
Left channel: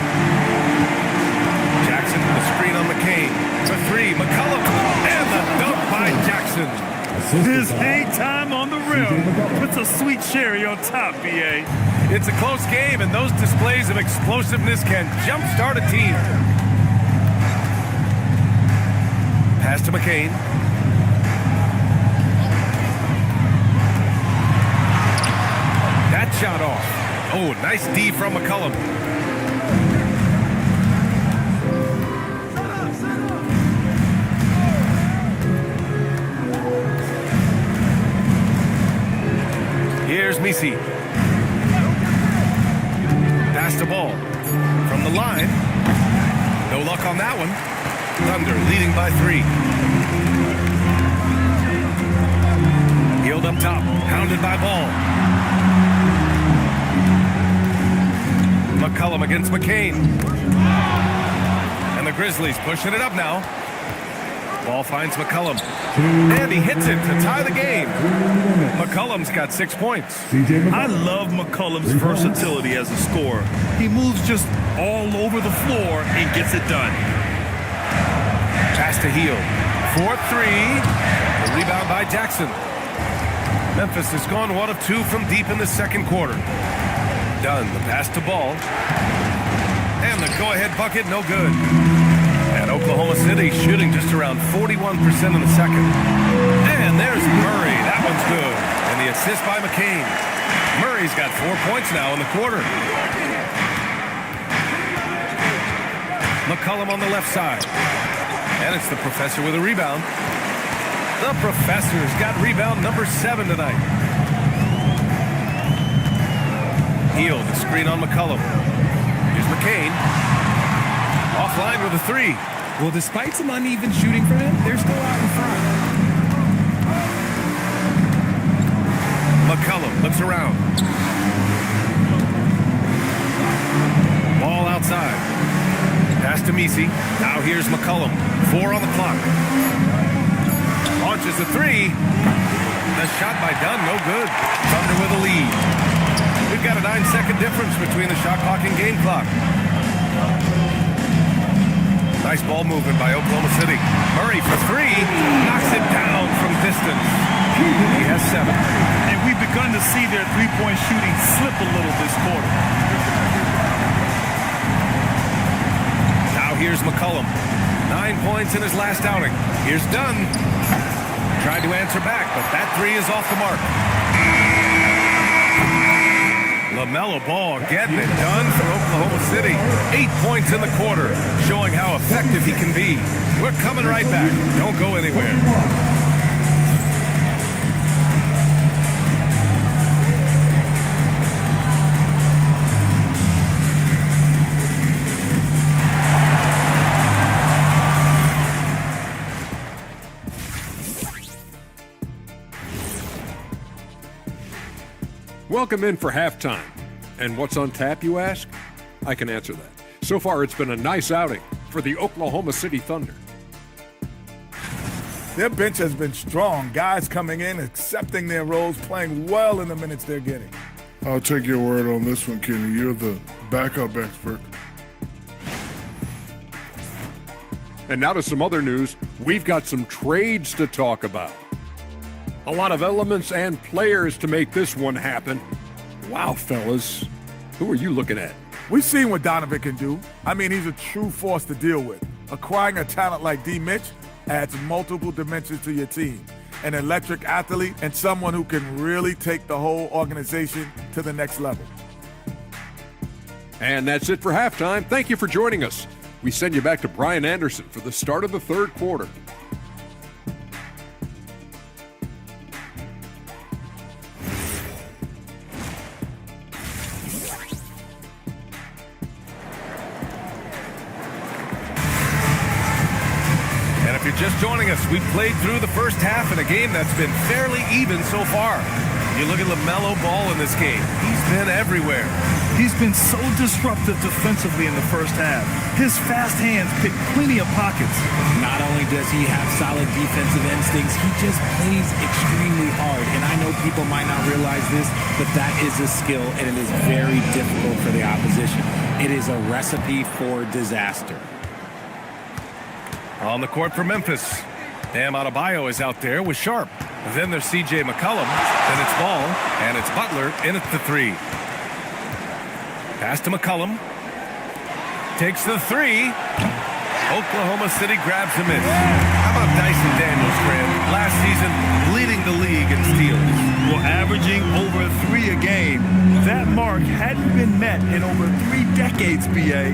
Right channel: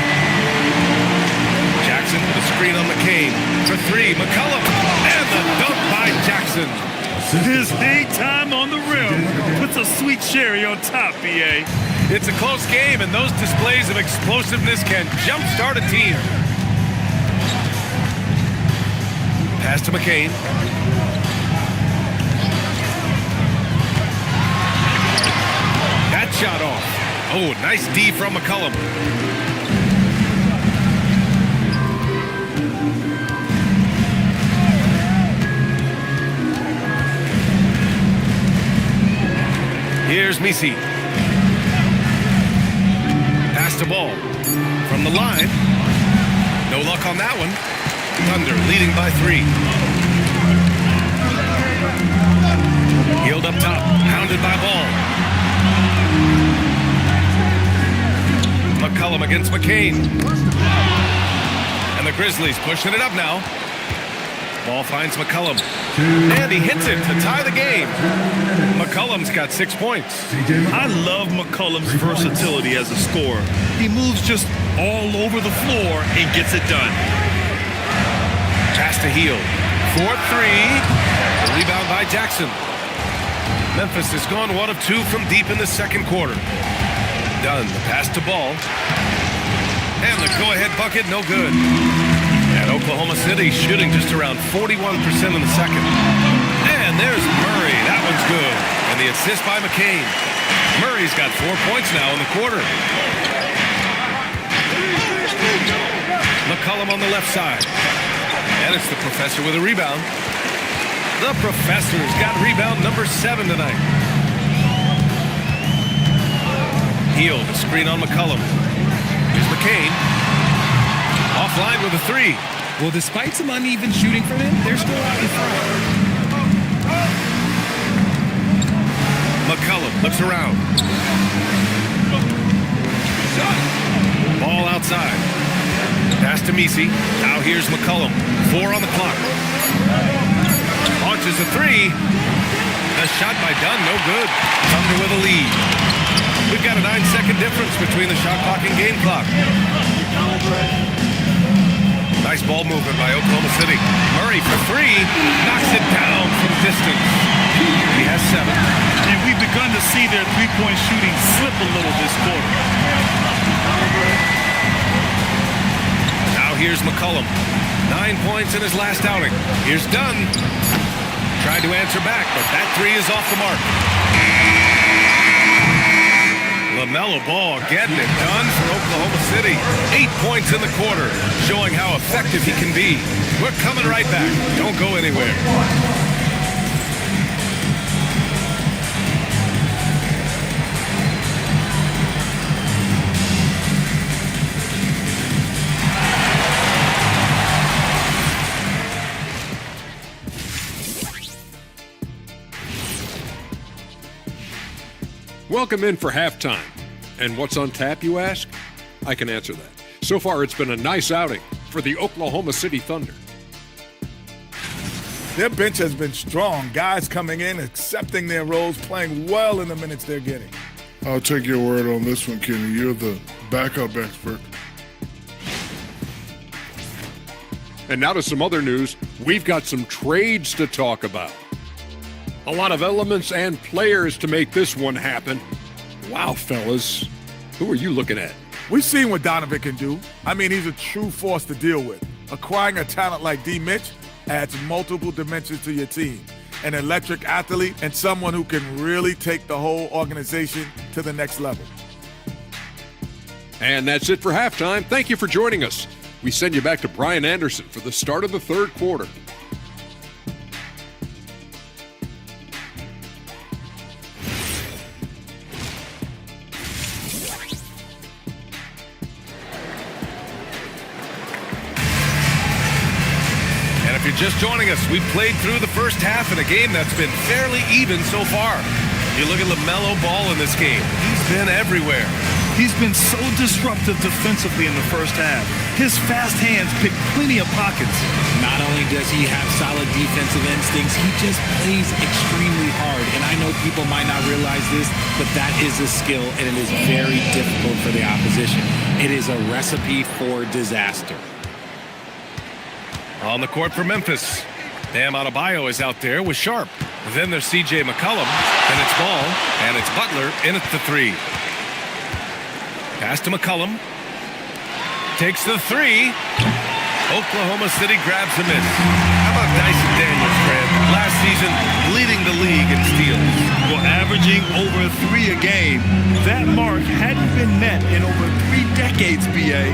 Jackson with a screen on McCain. For three, McCollum. And the dunk by Jackson. His hang time on the rim puts a sweet cherry on top, B.A. It's a close game, and those displays of explosiveness can jumpstart a team. Pass to McCain. That shot off. Oh, nice D from McCollum. Here's Misi. Pass the ball. From the line. No luck on that one. Thunder leading by 3. Healed up top. Hounded by Ball. McCollum against McCain. And the Grizzlies pushing it up now. Ball finds McCollum. And he hits it to tie the game. McCollum's got 6 points. I love McCollum's versatility as a scorer. He moves just all over the floor and gets it done. Pass to Heel. 4-3. The rebound by Jackson. Memphis has gone 1 of 2 from deep in the second quarter. Dunn, the pass to Ball. And the go-ahead bucket, no good. And Oklahoma City shooting just around 41% in the second. And there's Murray. That one's good. And the assist by McCain. Murray's got 4 points now in the quarter. McCollum on the left side. And it's the Professor with a rebound. The Professor's got rebound number 7 tonight. Heel, the screen on McCollum. Here's McCain. Offline with a 3. Well, despite some uneven shooting from him, they're still out in front. McCollum looks around. Ball outside. Pass to Misi. Now here's McCollum. 4 on the clock. Launches a 3. The shot by Dunn, no good. Thunder with a lead. We've got a 9-second difference between the shot clock and game clock. Nice ball movement by Oklahoma City. Murray for 3. Knocks it down from distance. He has 7. And we've begun to see their three-point shooting slip a little this quarter. Now here's McCollum. 9 points in his last outing. Here's Dunn. Tried to answer back, but that 3 is off the mark. LaMelo Ball getting it done for Oklahoma City. 8 points in the quarter, showing how effective he can be. We're coming right back. Don't go anywhere. Welcome in for halftime. And what's on tap, you ask? I can answer that. So far, it's been a nice outing for the Oklahoma City Thunder. Their bench has been strong. Guys coming in, accepting their roles, playing well in the minutes they're getting. I'll take your word on this one, Kenny. You're the backup expert. And now to some other news. We've got some trades to talk about. A lot of elements and players to make this one happen. Wow, fellas. Who are you looking at? We've seen what Donovan can do. I mean, he's a true force to deal with. Acquiring a talent like D. Mitch adds multiple dimensions to your team. An electric athlete and someone who can really take the whole organization to the next level. And that's it for halftime. Thank you for joining us. We send you back to Brian Anderson for the start of the third quarter. And if you're just joining us, we've played through the first half in a game that's been fairly even so far. You look at LaMelo Ball in this game. He's been everywhere. He's been so disruptive defensively in the first half. His fast hands pick plenty of pockets. Not only does he have solid defensive instincts, he just plays extremely hard. And I know people might not realize this, but that is a skill, and it is very difficult for the opposition. It is a recipe for disaster. On the court for Memphis. Bam Adebayo is out there with Sharp. Then there's C.J. McCollum. Then it's Ball, and it's Butler in at the 3. Pass to McCollum. Takes the 3. Oklahoma City grabs a miss. How about Dyson Daniels, Cran? Last season, leading the league in steals. Well, averaging over 3 a game. That mark hadn't been met in over 3 decades, BA.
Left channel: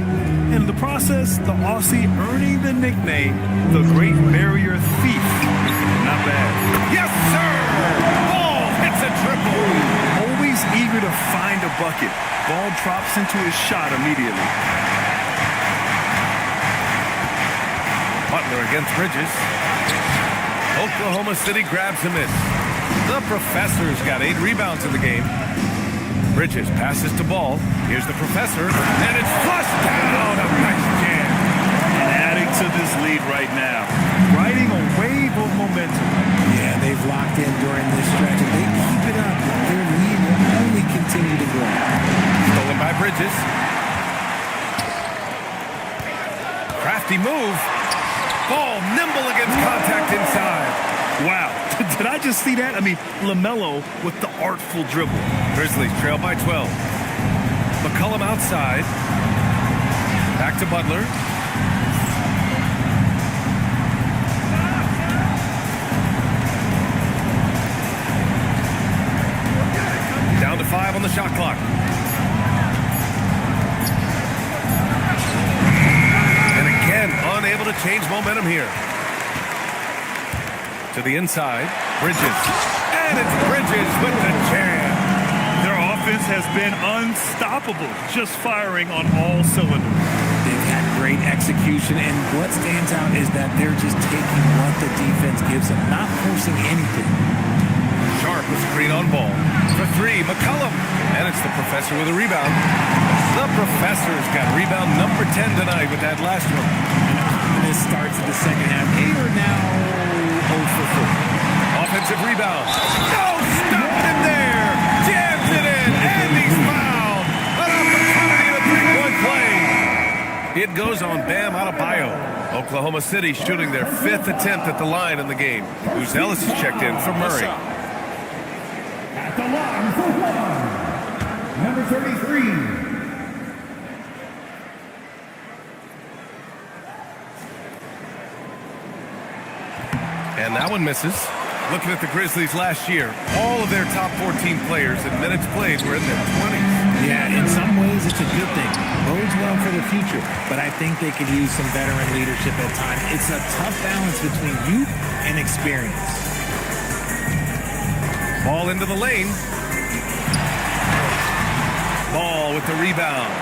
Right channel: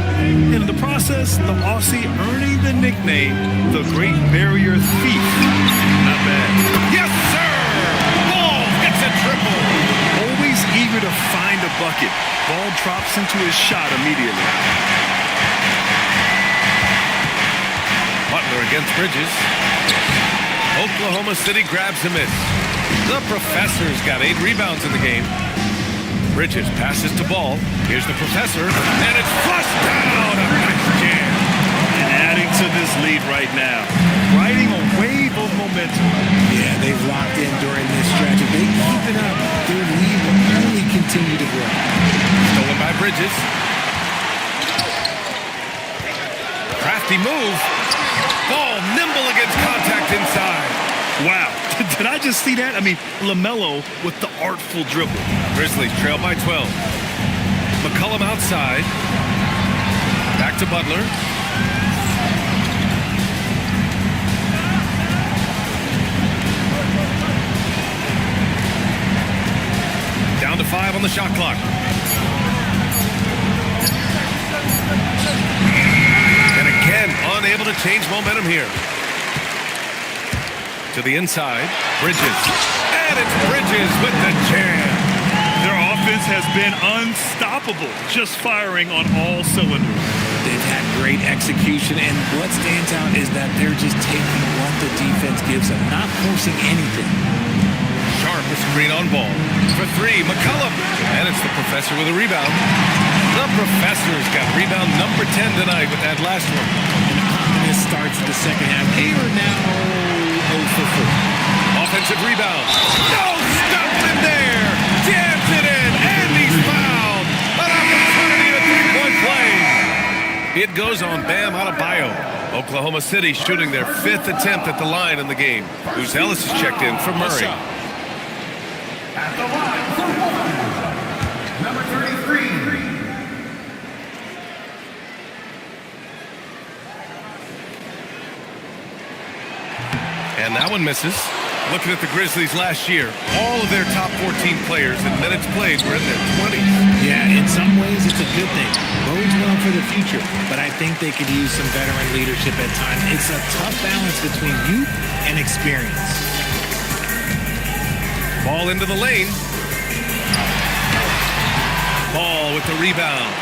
In the process, the Aussie earning the nickname, the Great Barrier Thief. Not bad. Yes, sir! Ball hits a triple. Always eager to find a bucket. Ball drops into his shot immediately. Butler against Bridges. Oklahoma City grabs a miss. The Professor's got 8 rebounds in the game. Bridges passes to Ball. Here's the Professor, and it's flushed down. A nice jam. And adding to this lead right now, riding a wave of momentum. Yeah, they've locked in during this stretch. If they keep it up, their lead will only continue to grow. Stolen by Bridges. Crafty move. Ball nimble against contact inside. Wow, did I just see that? I mean, LaMelo with the artful dribble. Grizzlies trail by 12. McCollum outside. Back to Butler. Down to 5 on the shot clock. And again, unable to change momentum here. To the inside, Bridges. And it's Bridges with the jam. Their offense has been unstoppable, just firing on all cylinders. They've had great execution, and what stands out is that they're just taking what the defense gives them, not forcing anything. Sharp with screen on Ball. For 3, McCollum. And it's the Professor with a rebound. The Professor's got rebound number 10 tonight with that last one. An ominous start to the second half. They are now 0 for 4. Offensive rebound. No stopping him there. Jams it in, and he's fouled. An opportunity to 3-point play. It goes on Bam Adebayo. Oklahoma City shooting their 5th attempt at the line in the game. Ellis is checked in for Murray. At the line for 1, number 33. And that one misses. Looking at the Grizzlies last year, all of their top 14 players in minutes played were in their 20s. Yeah, in some ways it's a good thing. Bodes well for the future, but I think they could use some veteran leadership at times. It's a tough balance between youth and experience. Ball into the lane. Ball with the rebound.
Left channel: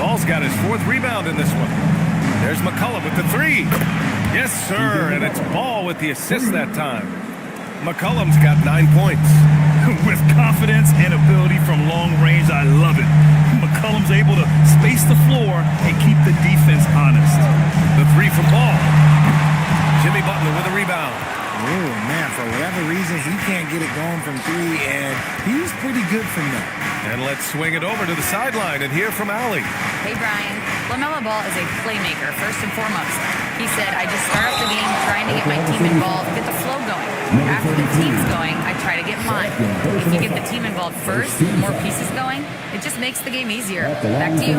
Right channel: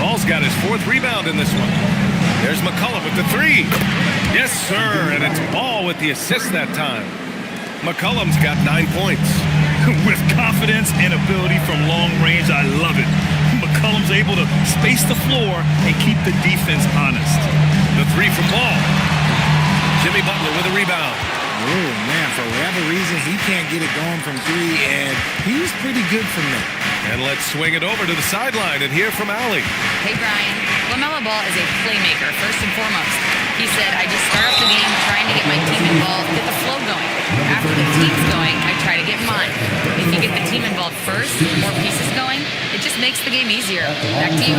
Ball's got his 4th rebound in this one. There's McCollum with the 3. Yes, sir, and it's Ball with the assist that time. McCollum's got 9 points. With confidence and ability from long range, I love it. McCollum's able to space the floor and keep the defense honest. The 3 from Ball. Jimmy Butler with a rebound. Oh, man, for whatever reason, he can't get it going from 3, and he's pretty good from there. And let's swing it over to the sideline and hear from Allie. Hey, Brian. LaMelo Ball is a playmaker, first and foremost. He said, I just start up the game trying to get my team involved, get the flow going. After the team's going, I try to get mine. If you get the team involved first, more pieces going, it just makes the game easier. Back to you.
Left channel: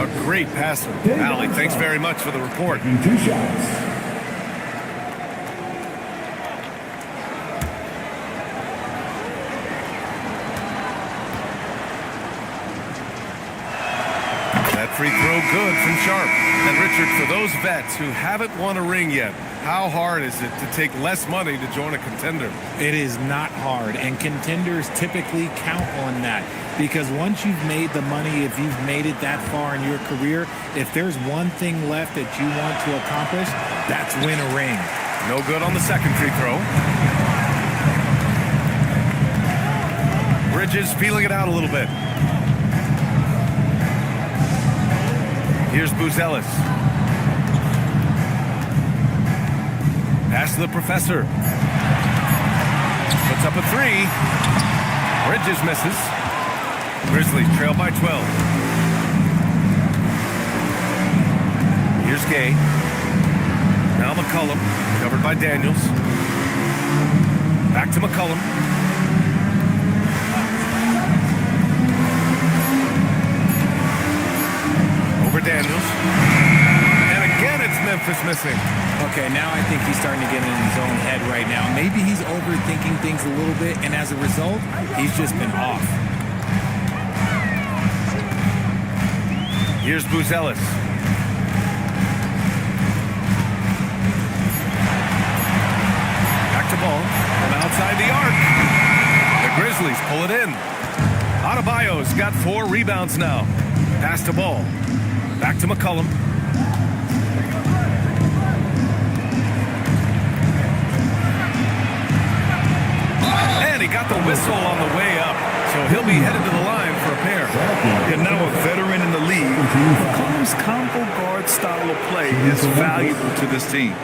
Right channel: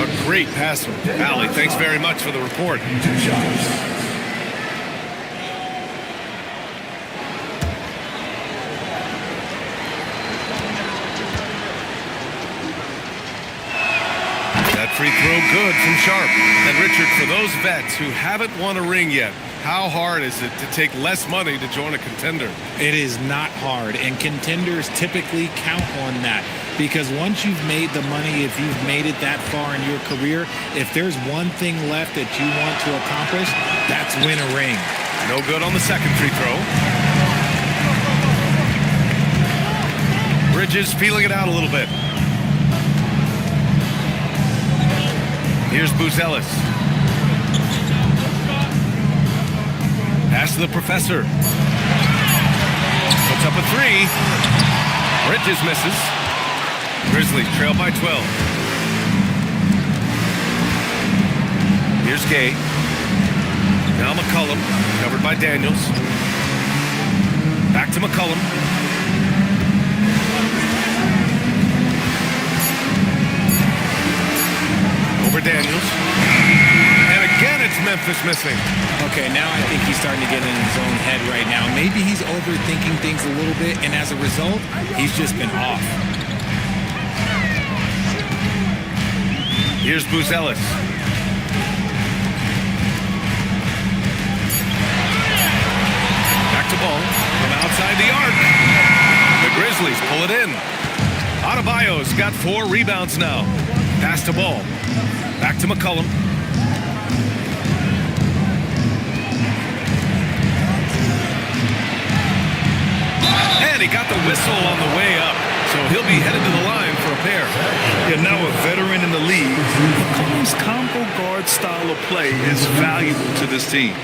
A great passer. Allie, thanks very much for the report. 2 shots. That free throw good from Sharp. And Richard, for those vets who haven't won a ring yet, how hard is it to take less money to join a contender? It is not hard, and contenders typically count on that. Because once you've made the money, if you've made it that far in your career, if there's one thing left that you want to accomplish, that's win a ring. No good on the second free throw. Bridges feeling it out a little bit. Here's Ellis. Pass to the Professor. Puts up a 3. Bridges misses. Grizzlies trail by 12. Here's Gay. Now McCollum, covered by Daniels. Back to McCollum. Over Daniels. And again, it's Memphis missing? Okay, now I think he's starting to get in his own head right now. Maybe he's overthinking things a little bit, and as a result, he's just been off. Here's Buzelis. Back to ball from outside the arc. The Grizzlies pull it in. Adebayo's got 4 rebounds now. Pass to ball. Back to McCollum. And he got the whistle on the way up. So he'll be headed to the line for a pair. Yeah, now a veteran in the league. McCollum's combo guard style of play is valuable to this team.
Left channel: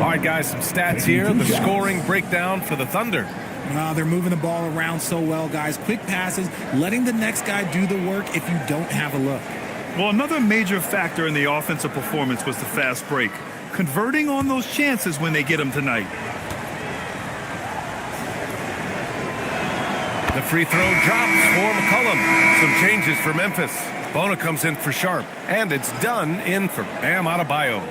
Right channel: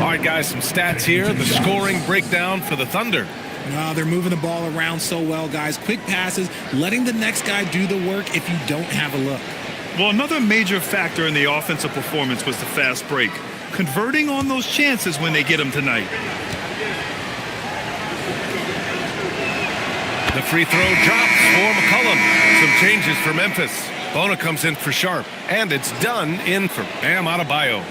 All right, guys, some stats here. The scoring breakdown for the Thunder. They're moving the ball around so well, guys. Quick passes, letting the next guy do the work if you don't have a look. Well, another major factor in the offensive performance was the fast break. Converting on those chances when they get them tonight. The free throw drops for McCollum. Some changes for Memphis. Bona comes in for Sharp. And it's done in for Bam Adebayo.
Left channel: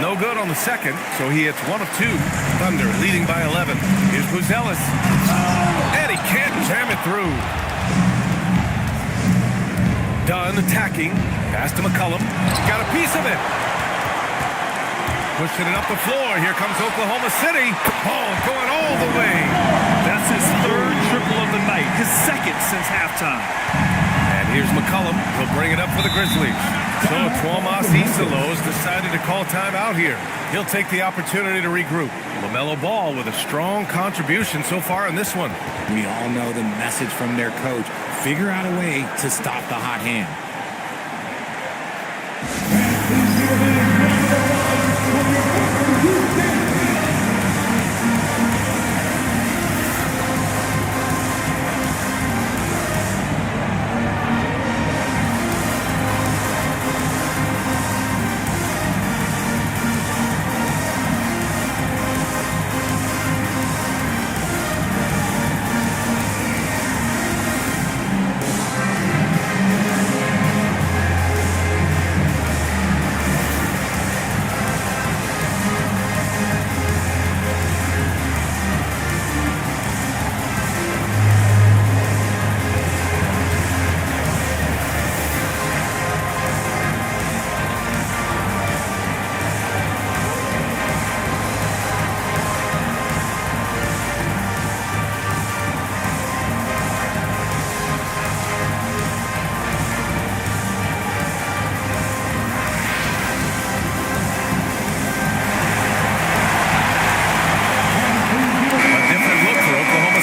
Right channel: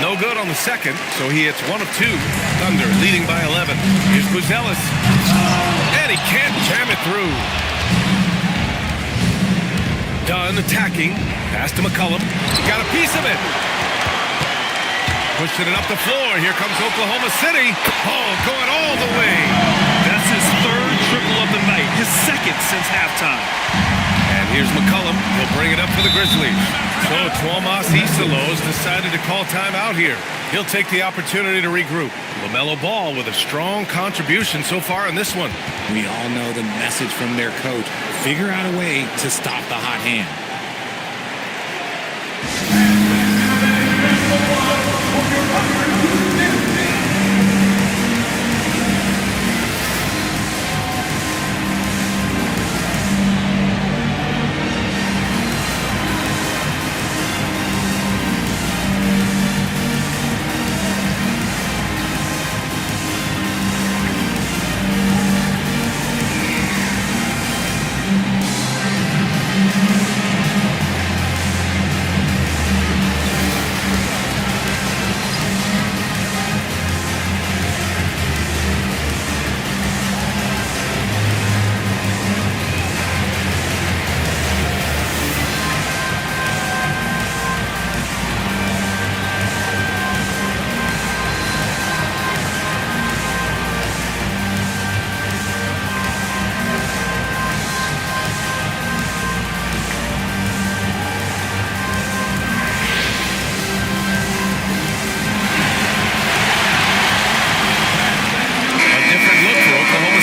No good on the second, so he hits 1 of 2. Thunder leading by 11. Here's Buzelis. And he can't jam it through. Dunn attacking. Pass to McCollum. He got a piece of it. Pushing it up the floor. Here comes Oklahoma City. Oh, going all the way. That's his 3rd triple of the night. His 2nd since halftime. And here's McCollum. He'll bring it up for the Grizzlies. So Tuomas Isalos decided to call timeout here. He'll take the opportunity to regroup. LaMelo Ball with a strong contribution so far in this one. We all know the message from their coach. Figure out a way to stop the hot hand.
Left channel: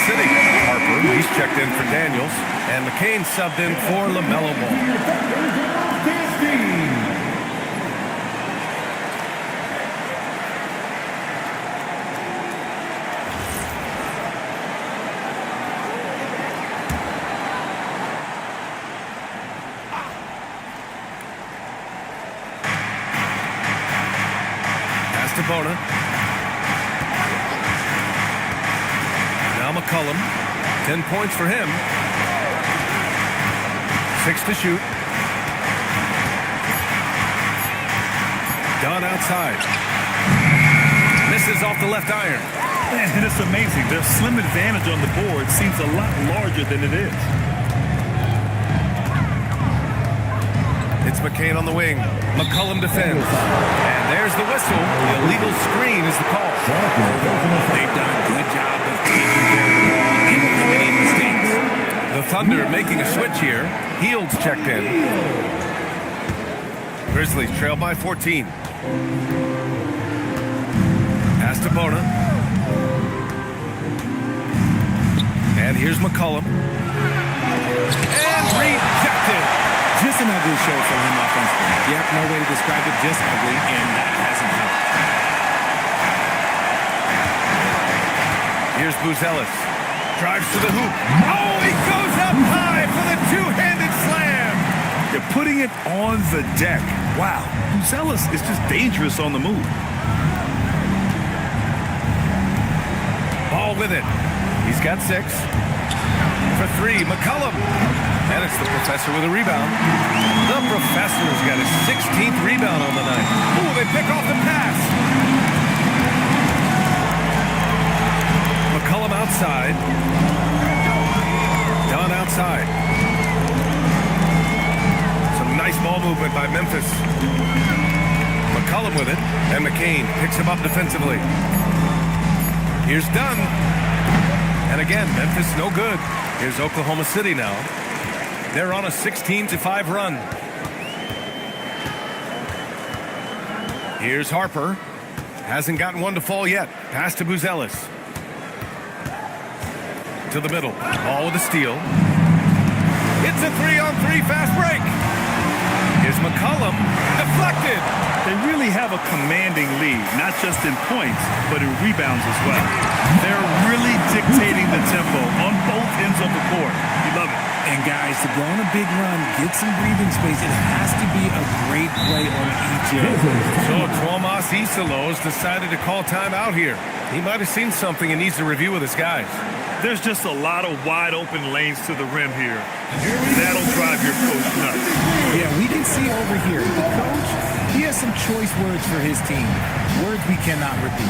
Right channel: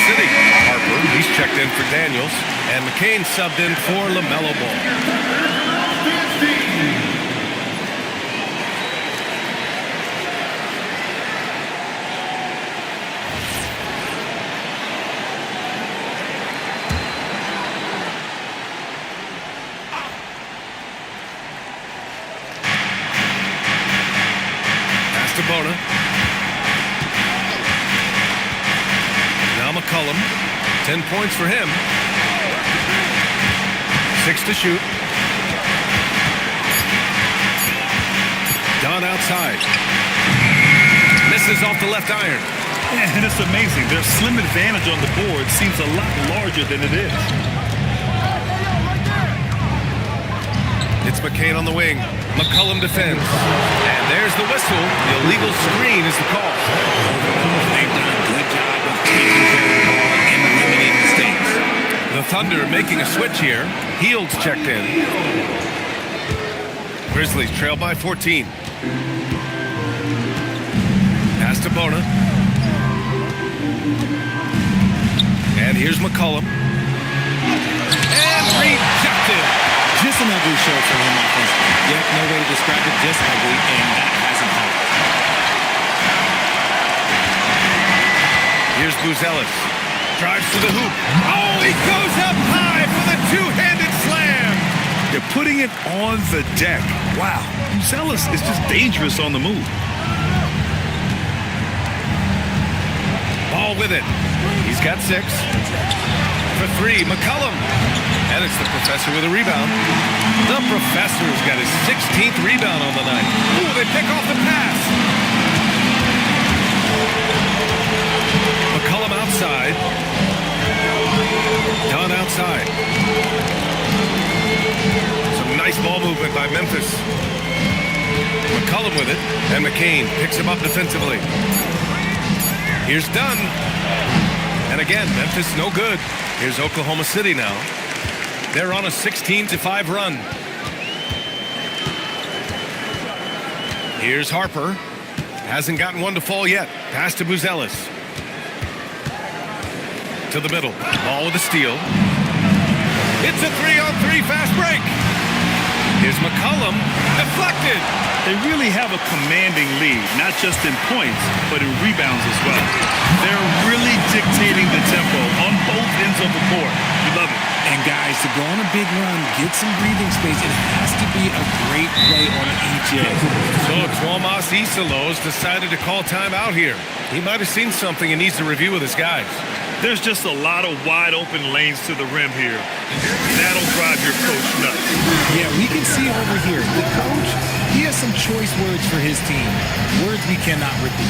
City. Harper, he's checked in for Daniels, and McCain subbed in for LaMelo Ball. Pass to Bona. Now McCollum, 10 points for him. 6 to shoot. Dunn outside. Misses off the left iron. And it's amazing. Their slim advantage on the board seems a lot larger than it is. It's McCain on the wing. McCollum defends. And there's the whistle. The illegal screen is the call. They've done a good job of taking care of the ball and eliminating mistakes. The Thunder making a switch here. Heald's checked in. Grizzlies trail by 14. Pass to Bona. And here's McCollum. And rejected. Just an ugly show from him offensively. Yep, no way to describe it, just ugly, and that hasn't helped. Here's Buzelis. Drives to the hoop. Oh, he goes up high for the two-handed slam. They're putting it on the deck. Wow, Buzelis is just dangerous on the move. Ball with it. He's got 6. For 3, McCollum. And it's the professor with a rebound. The professor's got his 16th rebound on the night. Ooh, they pick off the pass. McCollum outside. Dunn outside. Some nice ball movement by Memphis. McCollum with it, and McCain picks him up defensively. Here's Dunn. And again, Memphis no good. Here's Oklahoma City now. They're on a 16-5 run. Here's Harper. Hasn't gotten one to fall yet. Pass to Buzelis. To the middle. Ball with a steal. It's a 3-on-3 fast break. Here's McCollum. Deflected. They really have a commanding lead, not just in points, but in rebounds as well. They're really dictating the tempo on both ends of the court. You love it. And guys, to go on a big run, get some breathing space, it has to be a great play on each end. So Tuomas Isalos decided to call timeout here. He might have seen something and needs to review with his guys. There's just a lot of wide open lanes to the rim here. That'll drive your coach nuts. Yeah, we can see over here, the coach, he has some choice words for his team. Words we cannot repeat.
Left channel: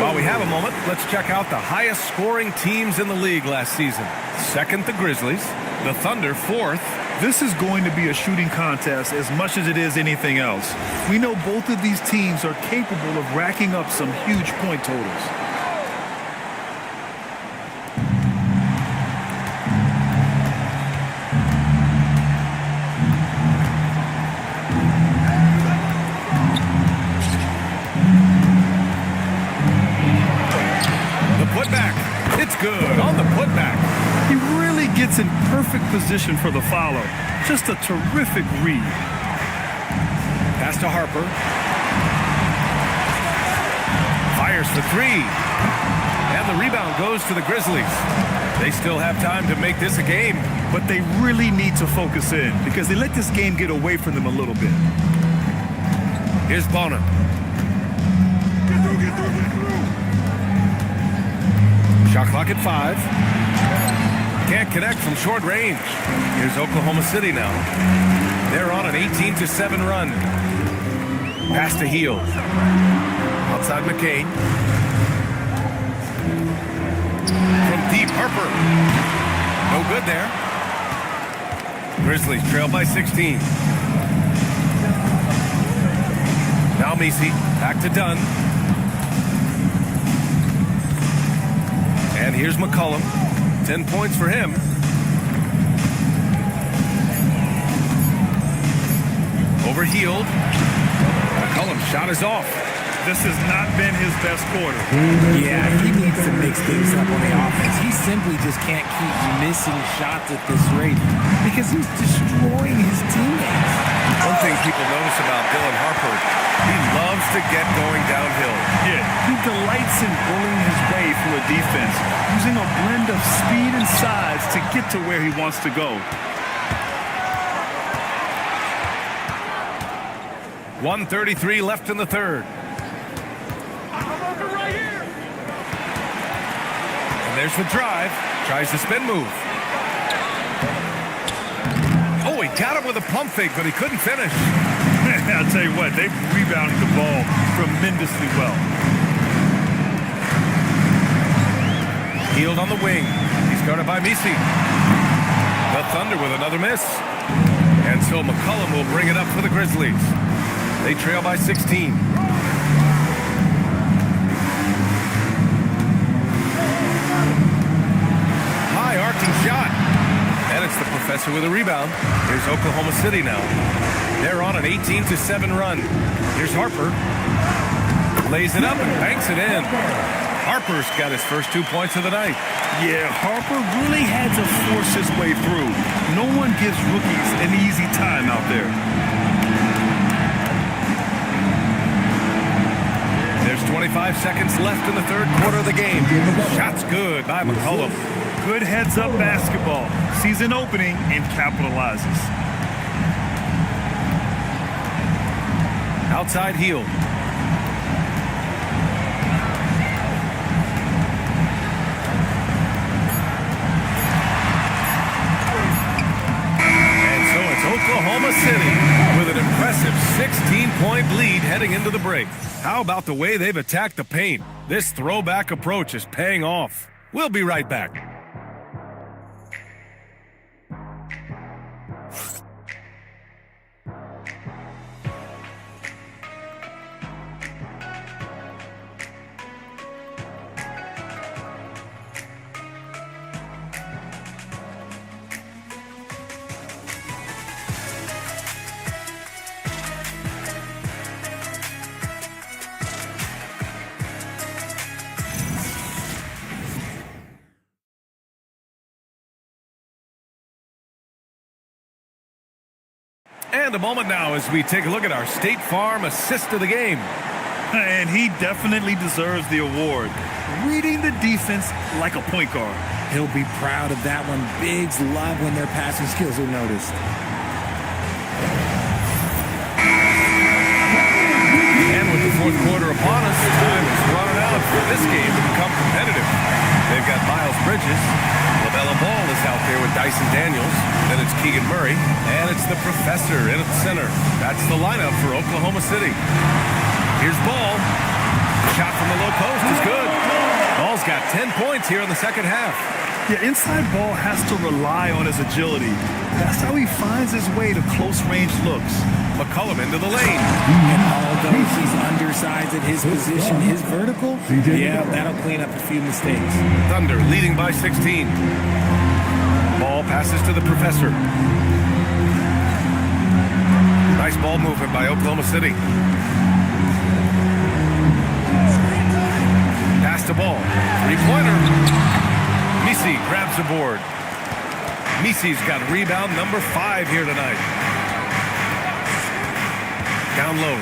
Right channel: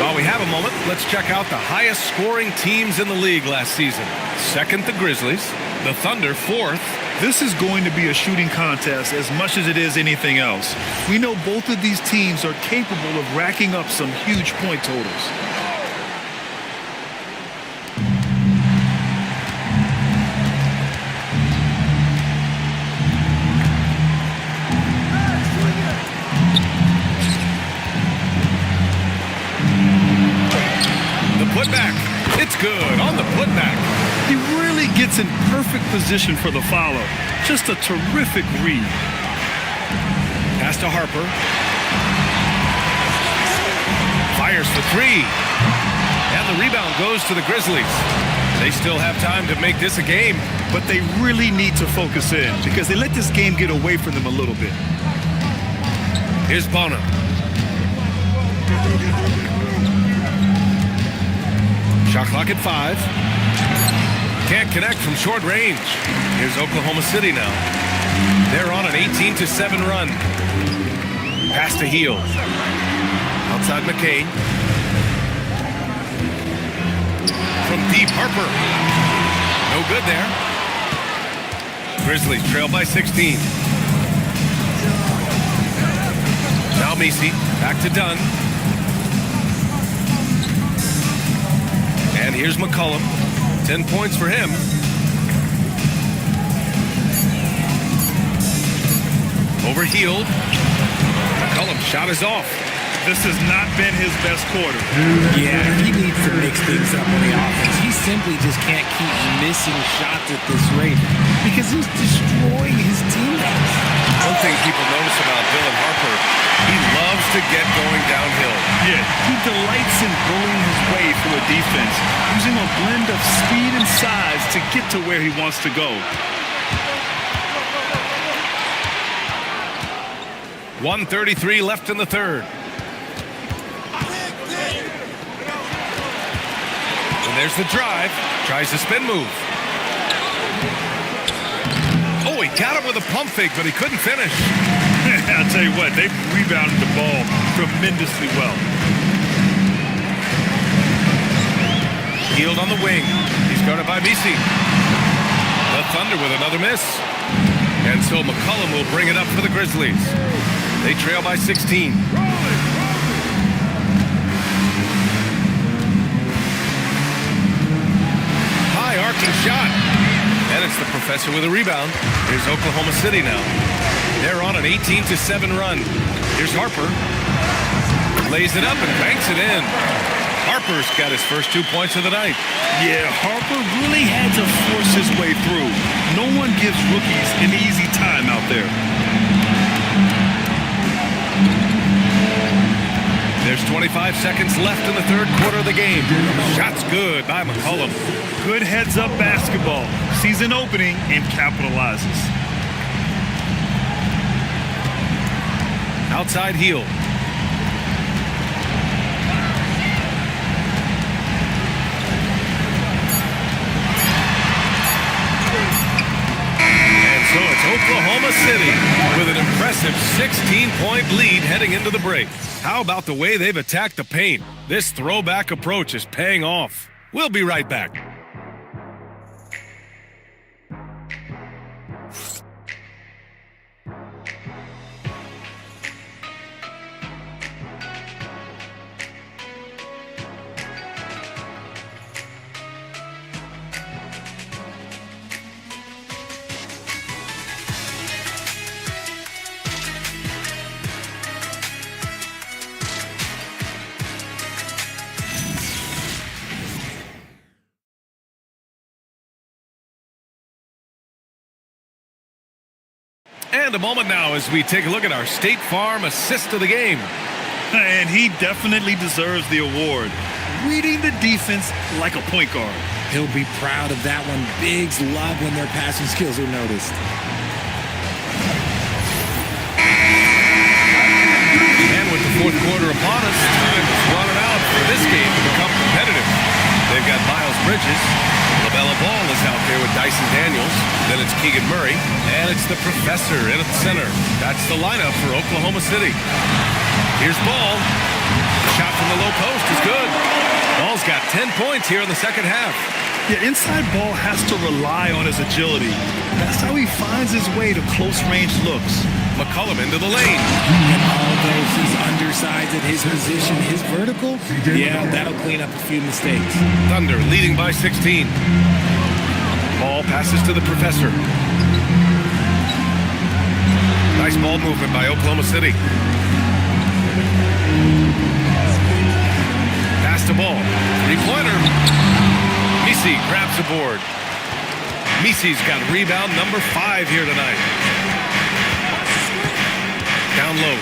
While we have a moment, let's check out the highest scoring teams in the league last season. Second, the Grizzlies. The Thunder, 4th. This is going to be a shooting contest as much as it is anything else. We know both of these teams are capable of racking up some huge point totals. Putback. It's good on the putback. He really gets in perfect position for the follow. Just a terrific read. Pass to Harper. Fires for 3. And the rebound goes to the Grizzlies. They still have time to make this a game. But they really need to focus in because they let this game get away from them a little bit. Here's Bonham. Shot clock at 5. Can't connect from short range. Here's Oklahoma City now. They're on an 18-7 run. Pass to Heel. Outside McCain. From deep, Harper. No good there. Grizzlies trail by 16. Now Messi. Back to Dunn. And here's McCollum. 10 points for him. Overhealed. McCollum's shot is off. This has not been his best quarter. Yeah, he needs to mix things up on the offense. He simply just can't keep missing shots at this rate because he's destroying his teammates. One thing people notice about Dylan Harper, he loves to get going downhill. Yeah, he delights in bullying his way through a defense, using a blend of speed and size to get to where he wants to go. 1:33 left in the third. And there's the drive. Tries the spin move. got him with a pump fake, but he couldn't finish. I'll tell you what, they've rebounded the ball tremendously well. Healed on the wing. He's guarded by Misi. The Thunder with another miss. And so McCollum will bring it up for the Grizzlies. They trail by 16. High arcing shot. And it's the professor with a rebound. Here's Oklahoma City now. They're on an 18-7 run. Here's Harper. Lays it up and banks it in. Harper's got his first 2 points of the night. Yeah, Harper really had to force his way through. No one gives rookies an easy time out there. There's 25 seconds left in the third quarter of the game. Shot's good by McCollum. Good heads-up basketball. Sees an opening and capitalizes. Outside heel. So it's Oklahoma City with an impressive 16-point lead heading into the break. How about the way they've attacked the paint? This throwback approach is paying off. We'll be right back. And a moment now as we take a look at our State Farm assist of the game. And he definitely deserves the award. Reading the defense like a point guard. He'll be proud of that one. Bigs love when their passing skills are noticed. And with the fourth quarter upon us, time is running out for this game to become competitive. They've got Miles Bridges. LaBella Ball is out there with Dyson Daniels. Then it's Keegan Murray. And it's the professor in at the center. That's the lineup for Oklahoma City. Here's Ball. Shot from the low post is good. Ball's got 10 points here in the second half. Yeah, inside Ball has to rely on his agility. That's how he finds his way to close-range looks. McCollum into the lane. And although he's undersized at his position, his vertical, yeah, that'll clean up a few mistakes. Thunder leading by 16. Ball passes to the professor. Nice ball movement by Oklahoma City. Pass to Ball. Three-pointer. Misi grabs the board. Misi's got rebound number 5 here tonight. Down low.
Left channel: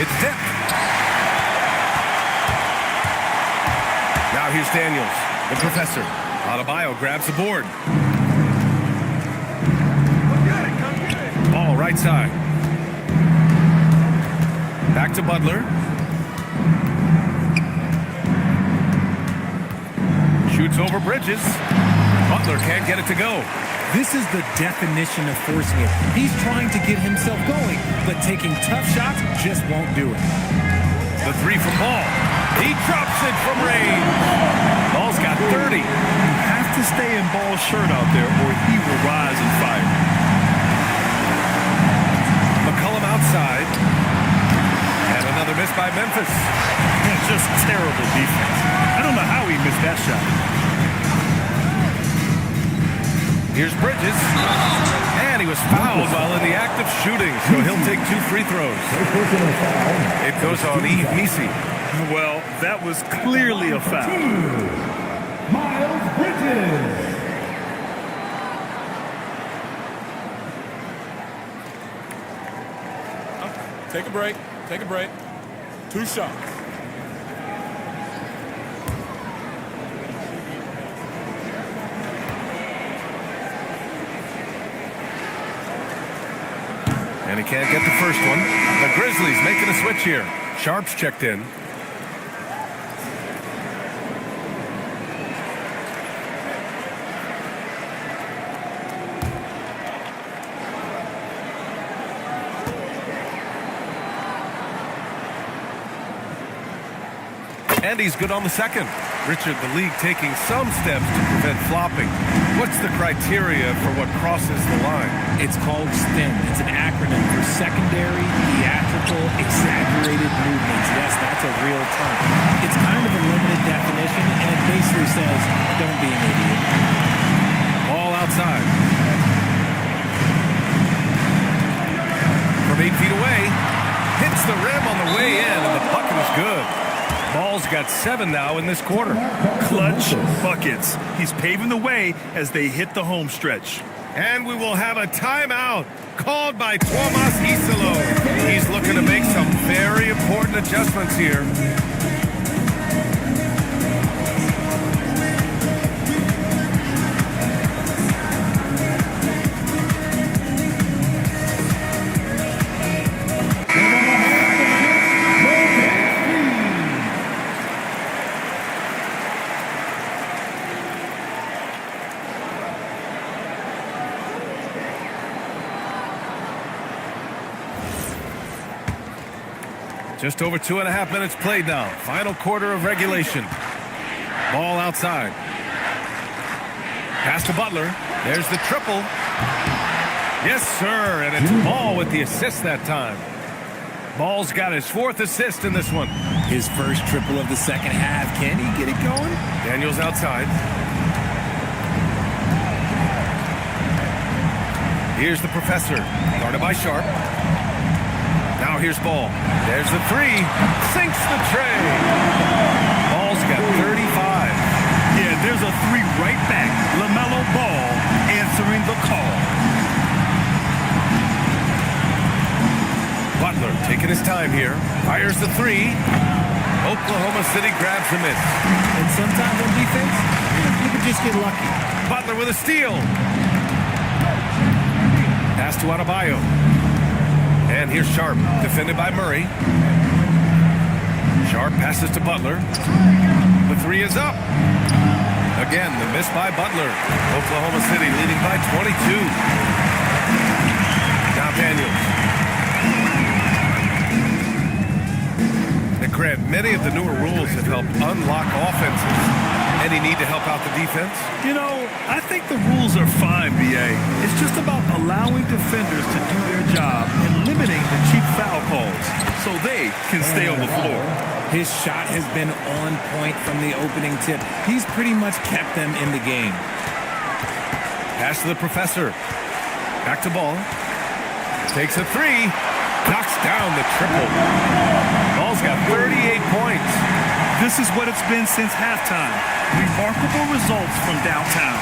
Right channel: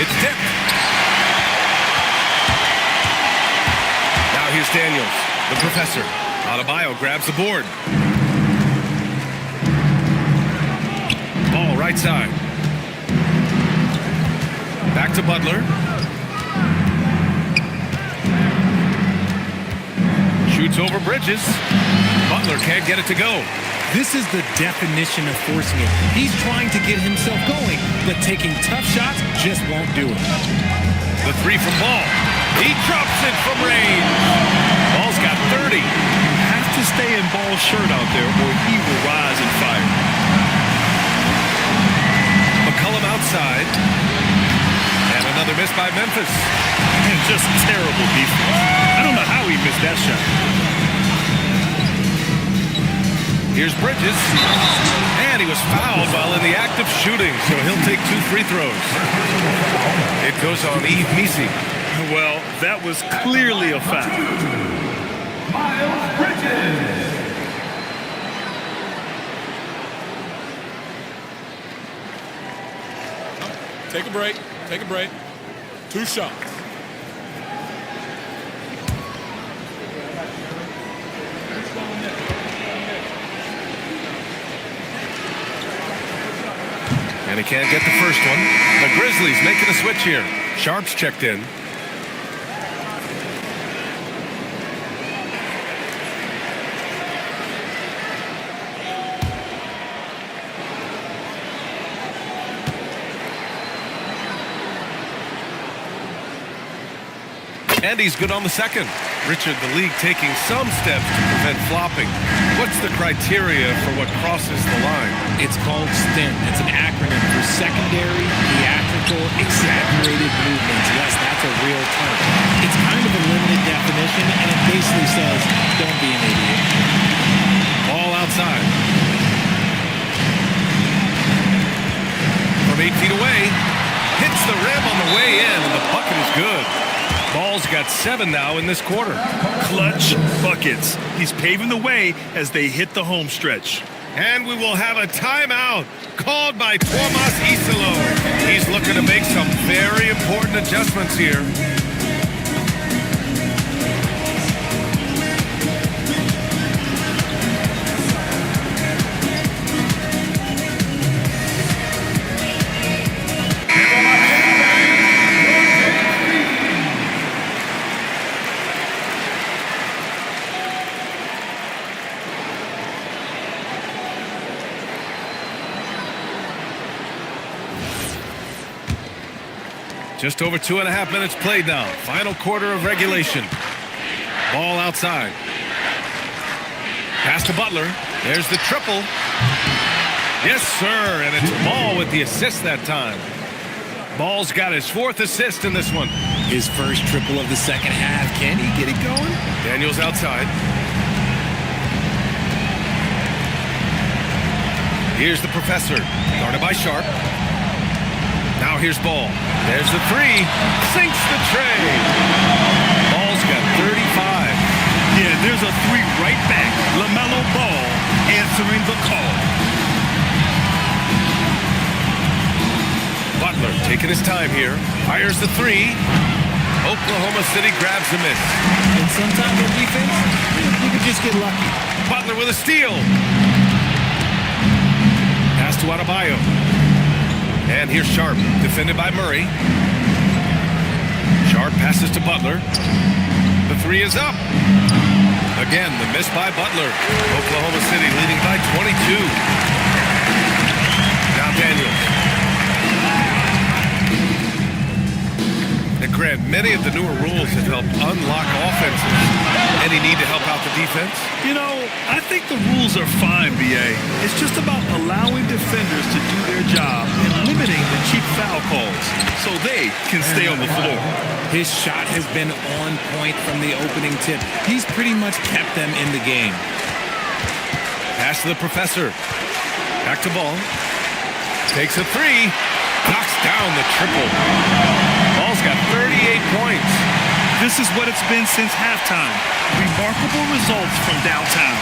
It's tipped. Now here's Daniels, the professor. Adebayo grabs the board. Ball right side. Back to Butler. Shoots over Bridges. Butler can't get it to go. This is the definition of forcing it. He's trying to get himself going, but taking tough shots just won't do it. The three from Ball. He drops it from range. Ball's got 30. You have to stay in Ball's shirt out there or he will rise and fire. McCollum outside. And another miss by Memphis. And just terrible defense. I don't know how he missed that shot. Here's Bridges. And he was fouled while in the act of shooting, so he'll take 2 free throws. It goes on Yves Misi. Well, that was clearly a foul. Miles Bridges. Take a break. Take a break. 2 shots. And he can't get the first one. The Grizzlies making a switch here. Sharp's checked in. And he's good on the second. Richard, the league taking some steps to prevent flopping. What's the criteria for what crosses the line? It's called STEM. It's an acronym for secondary, theatrical, exaggerated movements. Yes, that's a real term. It's kind of a limited definition, and it basically says, don't be an idiot. Ball outside. From 8 feet away, hits the rim on the way in, and the bucket is good. Ball's got 7 now in this quarter. Clutch buckets. He's paving the way as they hit the home stretch. And we will have a timeout called by Tomas Isalo. He's looking to make some very important adjustments here. Just over 2.5 minutes played now. Final quarter of regulation. Ball outside. Pass to Butler. There's the triple. Yes, sir. And it's Ball with the assist that time. Ball's got his 4th assist in this one. His first triple of the second half. Can he get it going? Daniels outside. Here's the professor. Guarded by Sharp. Now here's Ball. There's the 3. Sinks the tray. Ball's got 35. Yeah, there's a 3 right back. LaMelo Ball answering the call. Butler taking his time here. Fires the 3. Oklahoma City grabs the miss. And sometimes on defense, you can just get lucky. Butler with a steal. Pass to Adebayo. And here's Sharp, defended by Murray. Sharp passes to Butler. The 3 is up. Again, the miss by Butler. Oklahoma City leading by 22. Now Daniels. Now, Grant, many of the newer rules have helped unlock offenses. Any need to help out the defense? You know, I think the rules are fine, B.A. It's just about allowing defenders to do their job and limiting the cheap foul calls so they can stay on the floor. His shot has been on point from the opening tip. He's pretty much kept them in the game. Pass to the professor. Back to Ball. Takes a 3. Knocks down the triple. Ball's got 38 points. This is what it's been since halftime. Remarkable results from downtown.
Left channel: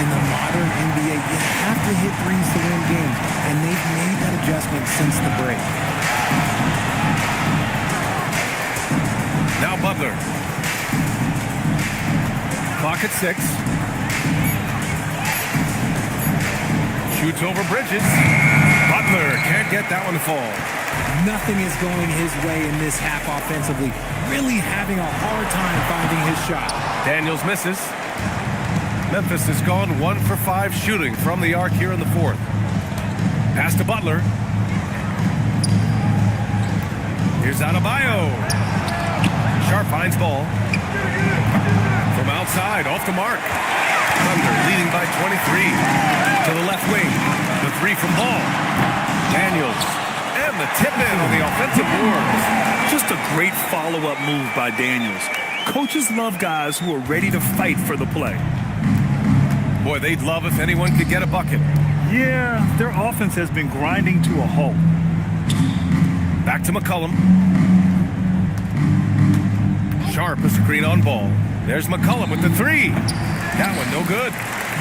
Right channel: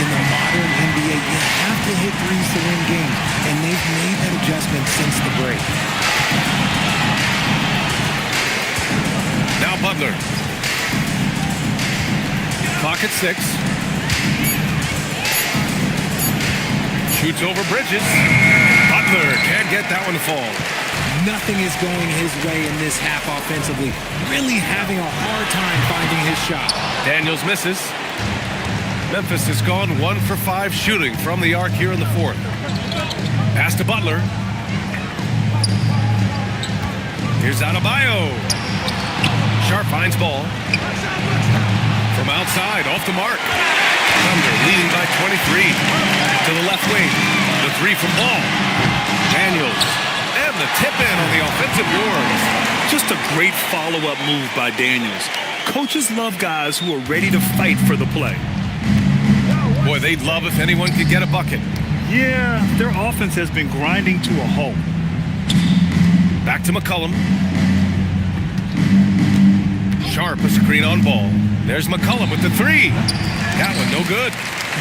In the modern NBA, you have to hit threes to win games, and they've made that adjustment since the break. Now Butler. Clock at 6. Shoots over Bridges. Butler can't get that one to fall. Nothing is going his way in this half offensively. Really having a hard time finding his shot. Daniels misses. Memphis has gone 1 for 5 shooting from the arc here in the 4th. Pass to Butler. Here's Adebayo. Sharp finds Ball. From outside, off the mark. Thunder leading by 23. To the left wing. The 3 from Ball. Daniels. And the tip in on the offensive boards. Just a great follow-up move by Daniels. Coaches love guys who are ready to fight for the play. Boy, they'd love if anyone could get a bucket. Yeah, their offense has been grinding to a halt. Back to McCollum. Sharp, a screen on Ball. There's McCollum with the 3. That one no good.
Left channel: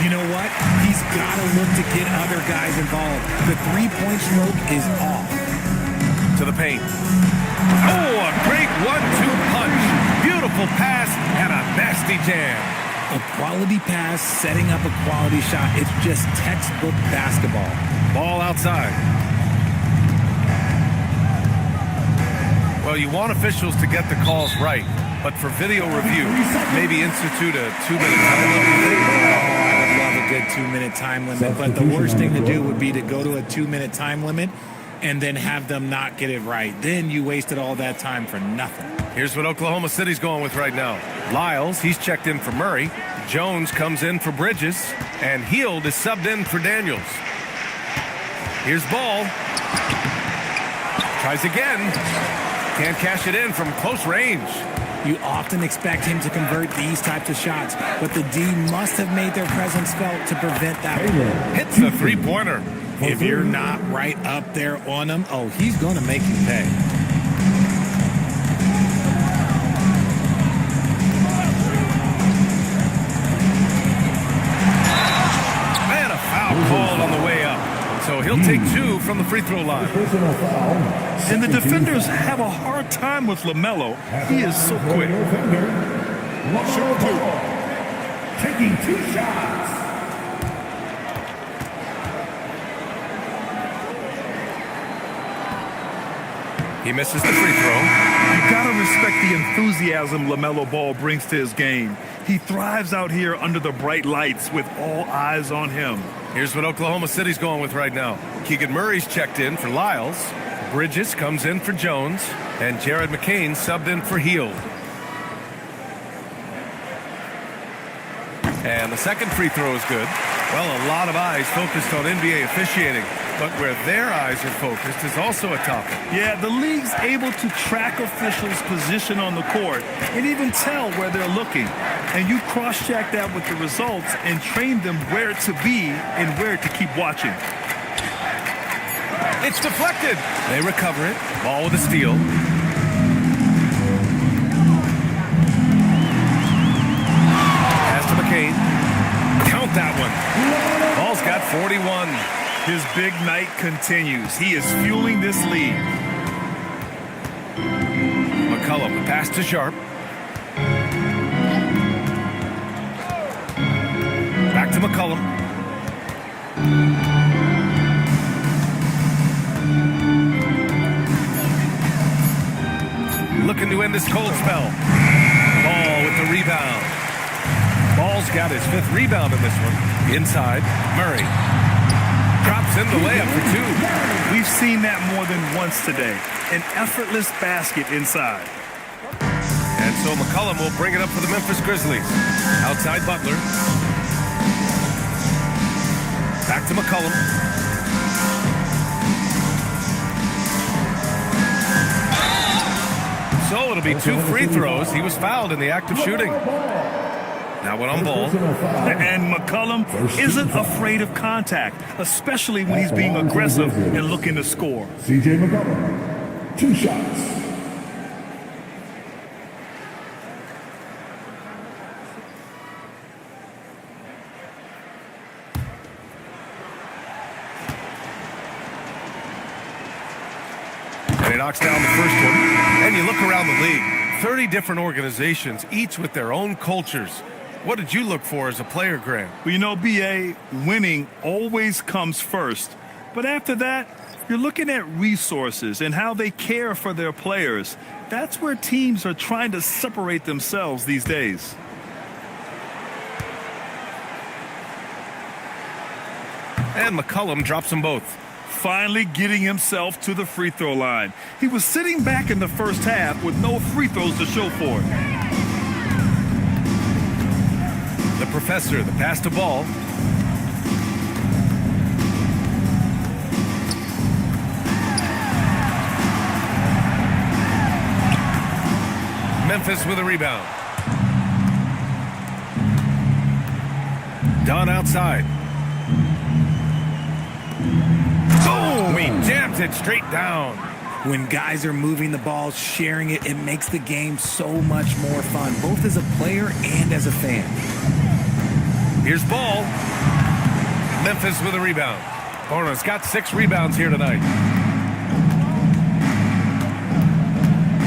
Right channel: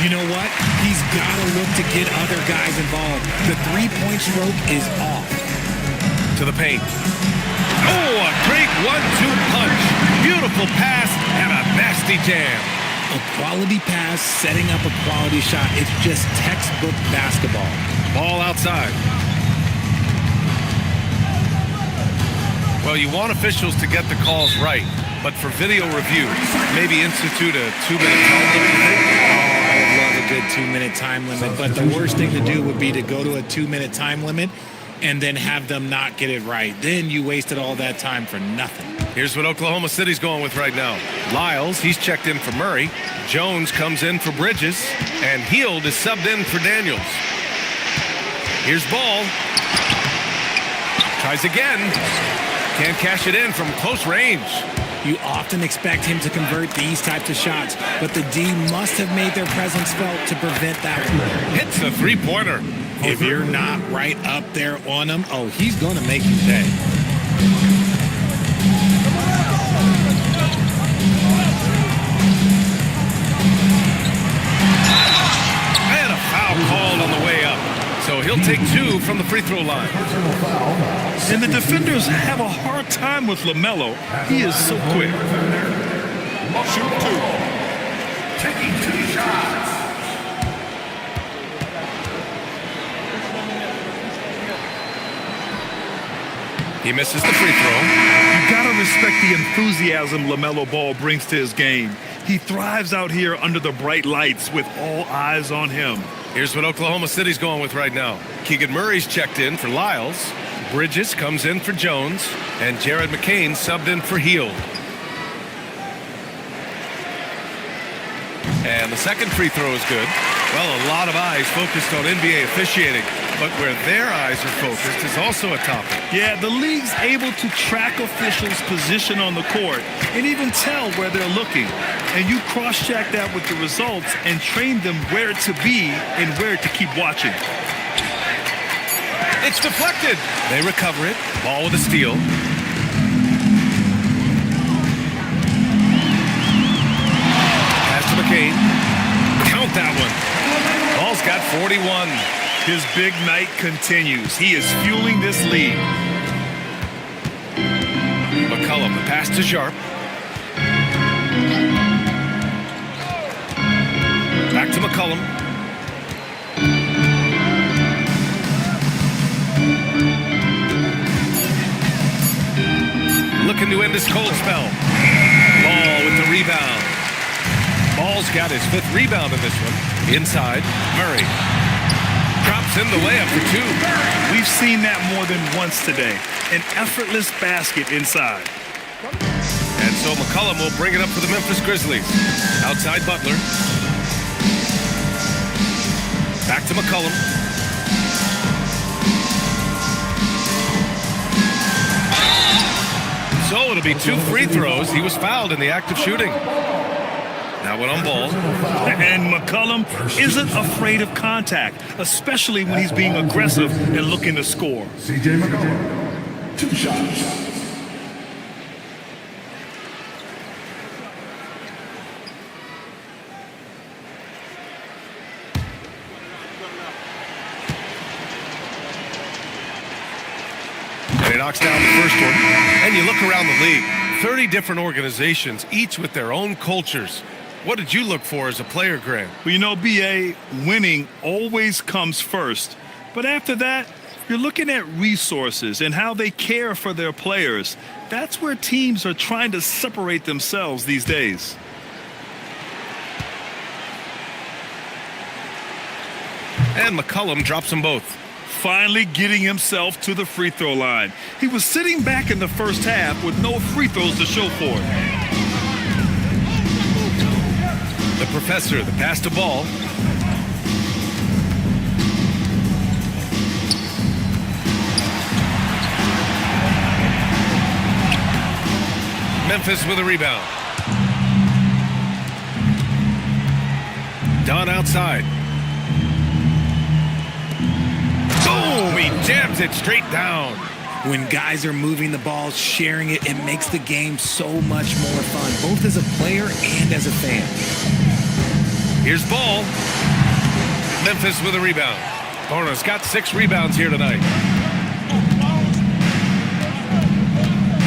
You know what? He's got to look to get other guys involved. The three-point stroke is off. To the paint. Oh, a great 1-2 punch. Beautiful pass and a nasty jam. A quality pass, setting up a quality shot. It's just textbook basketball. Ball outside. Well, you want officials to get the calls right, but for video review, maybe institute a 2-minute time limit, you think? I would love a good 2-minute time limit, but the worst thing to do would be to go to a 2-minute time limit and then have them not get it right. Then you wasted all that time for nothing. Here's what Oklahoma City's going with right now. Lyles, he's checked in for Murray. Jones comes in for Bridges. And Heald is subbed in for Daniels. Here's Ball. Tries again. Can't cash it in from close range. You often expect him to convert these types of shots, but the D must have made their presence felt to prevent that. Hits the three-pointer. If you're not right up there on him, oh, he's going to make you pay. And a foul called on the way up. So he'll take 2 from the free throw line. And the defenders have a hard time with LaMelo. He is so quick. Shoot 2. Taking 2 shots. He misses the free throw. You gotta respect the enthusiasm LaMelo Ball brings to his game. He thrives out here under the bright lights with all eyes on him. Here's what Oklahoma City's going with right now. Keegan Murray's checked in for Lyles. Bridges comes in for Jones. And Jared McCain subbed in for Heald. And the second free throw is good. Well, a lot of eyes focused on NBA officiating. But where their eyes are focused is also a topic. Yeah, the league's able to track officials' position on the court and even tell where they're looking. And you cross-check that with the results and train them where to be and where to keep watching. It's deflected. They recover it. Ball with a steal. Pass to McCain. Count that one. Ball's got 41. His big night continues. He is fueling this lead. McCollum, the pass to Sharp. Back to McCollum. Looking to end this cold spell. Ball with the rebound. Ball's got his 5th rebound in this one. Inside, Murray. Drops in the layup for 2. We've seen that more than once today. An effortless basket inside. And so McCollum will bring it up for the Memphis Grizzlies. Outside Butler. Back to McCollum. So it'll be 2 free throws. He was fouled in the act of shooting. Now one on Ball. And McCollum isn't afraid of contact, especially when he's being aggressive and looking to score. C.J. McCollum, 2 shots. And he knocks down the first one. And you look around the league, 30 different organizations, each with their own cultures. What did you look for as a player, Grant? Well, you know, B.A., winning always comes first. But after that, you're looking at resources and how they care for their players. That's where teams are trying to separate themselves these days. And McCollum drops them both. Finally getting himself to the free throw line. He was sitting back in the first half with no free throws to show for it. The professor, the pass to Ball. Memphis with a rebound. Don outside. Boom! He jams it straight down. When guys are moving the ball, sharing it, it makes the game so much more fun, both as a player and as a fan. Here's Ball. Memphis with a rebound. Bona's got 6 rebounds here tonight.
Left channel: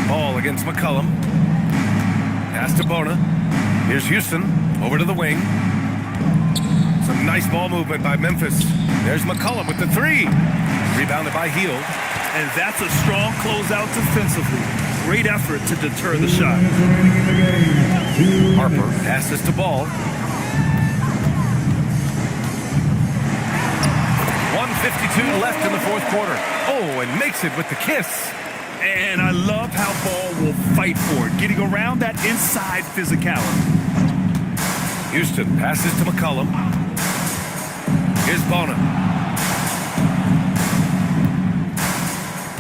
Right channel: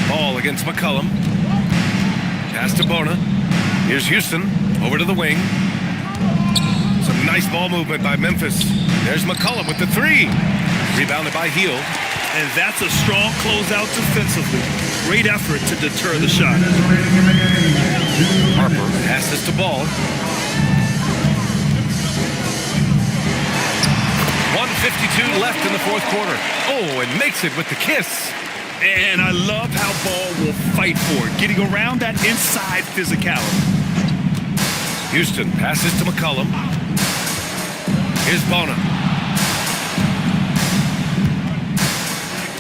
Ball against McCollum. Pass to Bona. Here's Houston. Over to the wing. Some nice ball movement by Memphis. There's McCollum with the 3. Rebounded by Heald. And that's a strong closeout defensively. Great effort to deter the shot. Harper passes to Ball. 1:52 left in the fourth quarter. Oh, and makes it with the kiss. And I love how Ball will fight for it, getting around that inside physicality. Houston passes to McCollum. Here's Bona.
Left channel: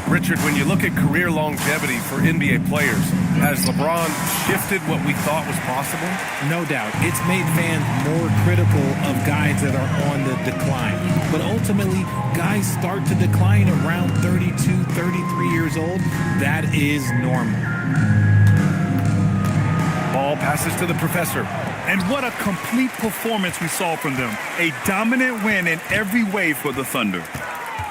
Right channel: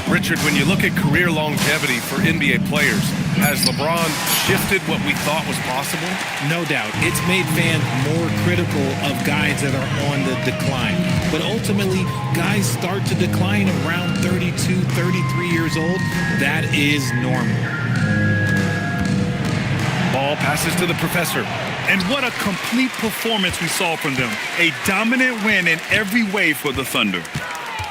Richard, when you look at career longevity for NBA players, has LeBron shifted what we thought was possible? No doubt. It's made fans more critical of guys that are on the decline. But ultimately, guys start to decline around 32, 33 years old. That is normal. Ball passes to the professor. And what a complete performance we saw from them. A dominant win in every way for the Thunder.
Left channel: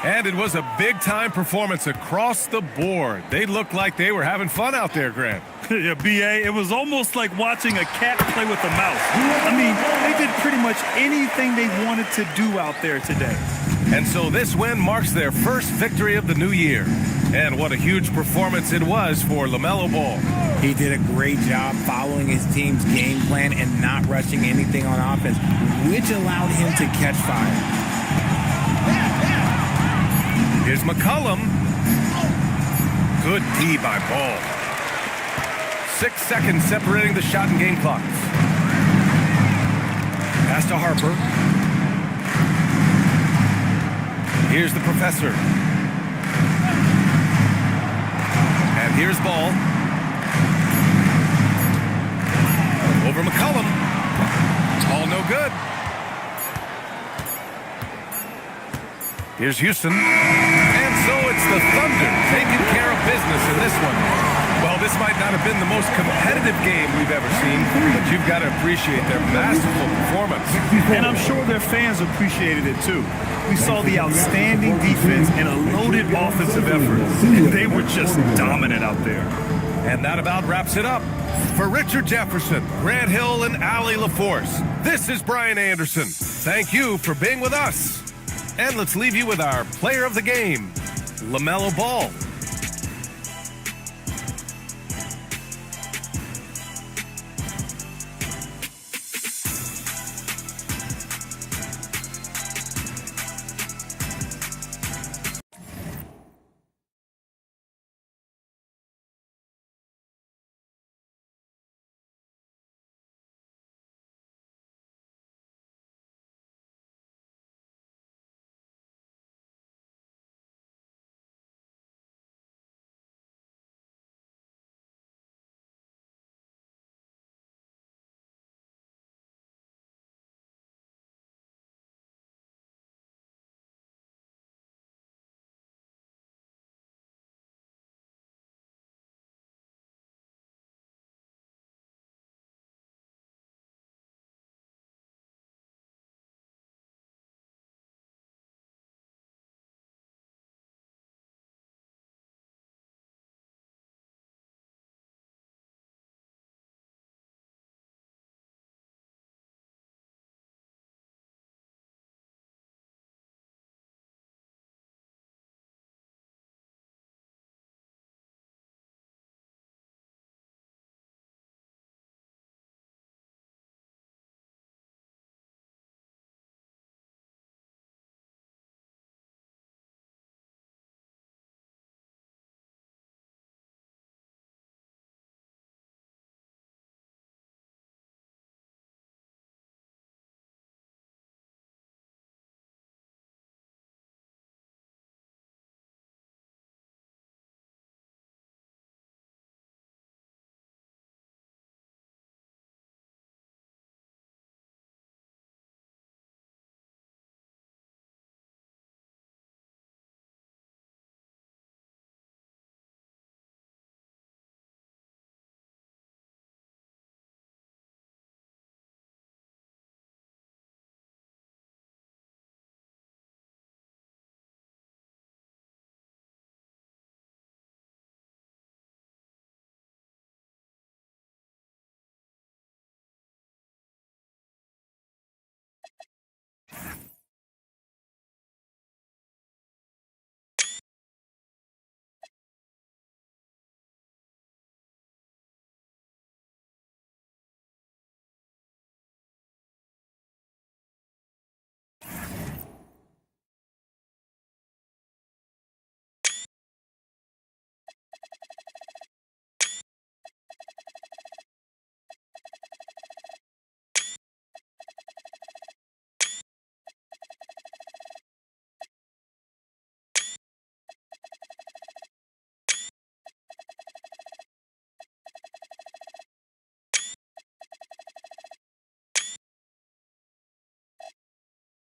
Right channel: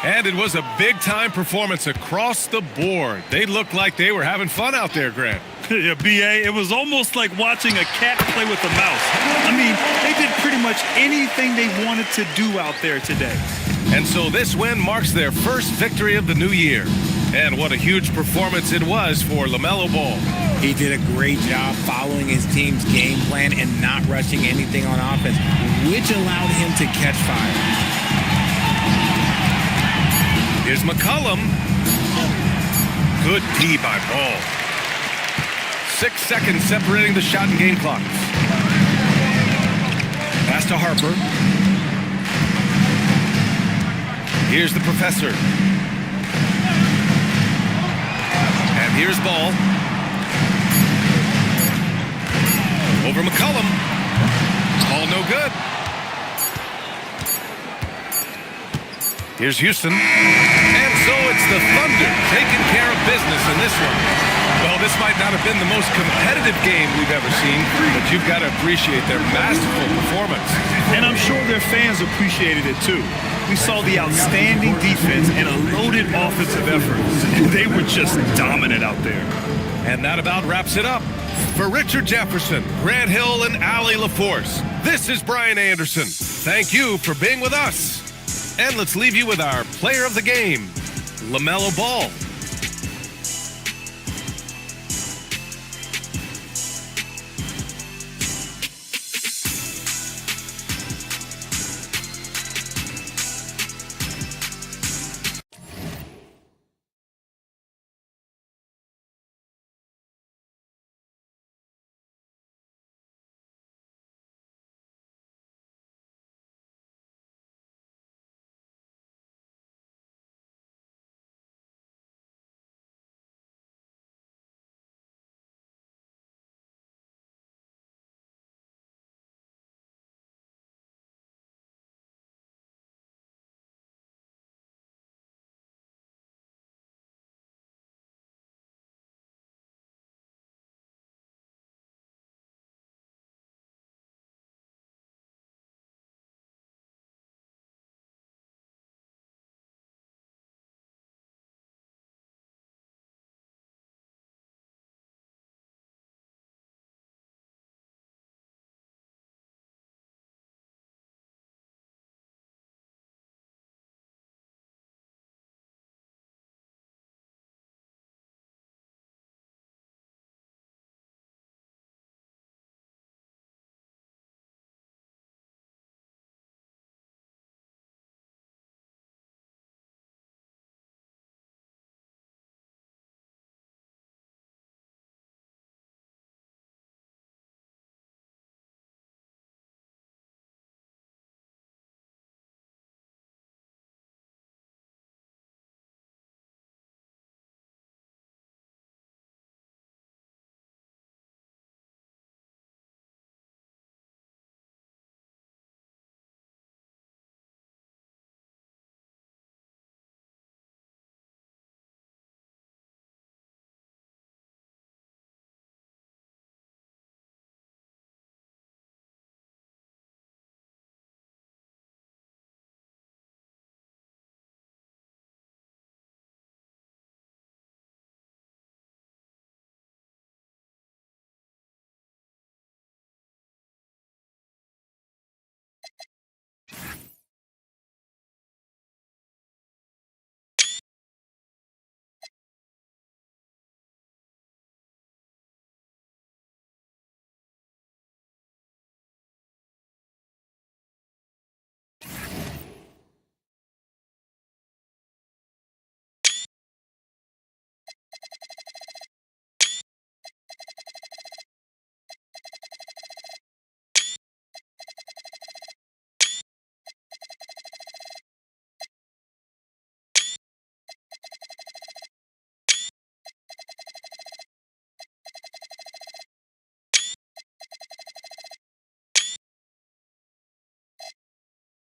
And it was a big-time performance across the board. They looked like they were having fun out there, Grant. Yeah, B.A., it was almost like watching a cat play with a mouse. I mean, they did pretty much anything they wanted to do out there today. And so this win marks their first victory of the new year. And what a huge performance it was for LaMelo Ball. He did a great job following his team's game plan and not rushing anything on offense, which allowed him to catch fire. Here's McCollum. Good D by Ball. 6 seconds separating the shot and game clocks. Pass to Harper. Here's the professor. And here's Ball. Over McCollum. Ball no good. Here's Houston. And so it's the Thunder taking care of business in this one. Well, this might not have been the most competitive game we've ever seen, but you've got to appreciate their masterful performance. And I'm sure their fans appreciated it too. We saw the outstanding defense and a loaded offensive effort. They were just dominant out there. And that about wraps it up. For Richard Jefferson, Grant Hill, and Allie LaForce, this is Brian Anderson. Thank you for being with us. And let's leave you with our player of the game, LaMelo Ball.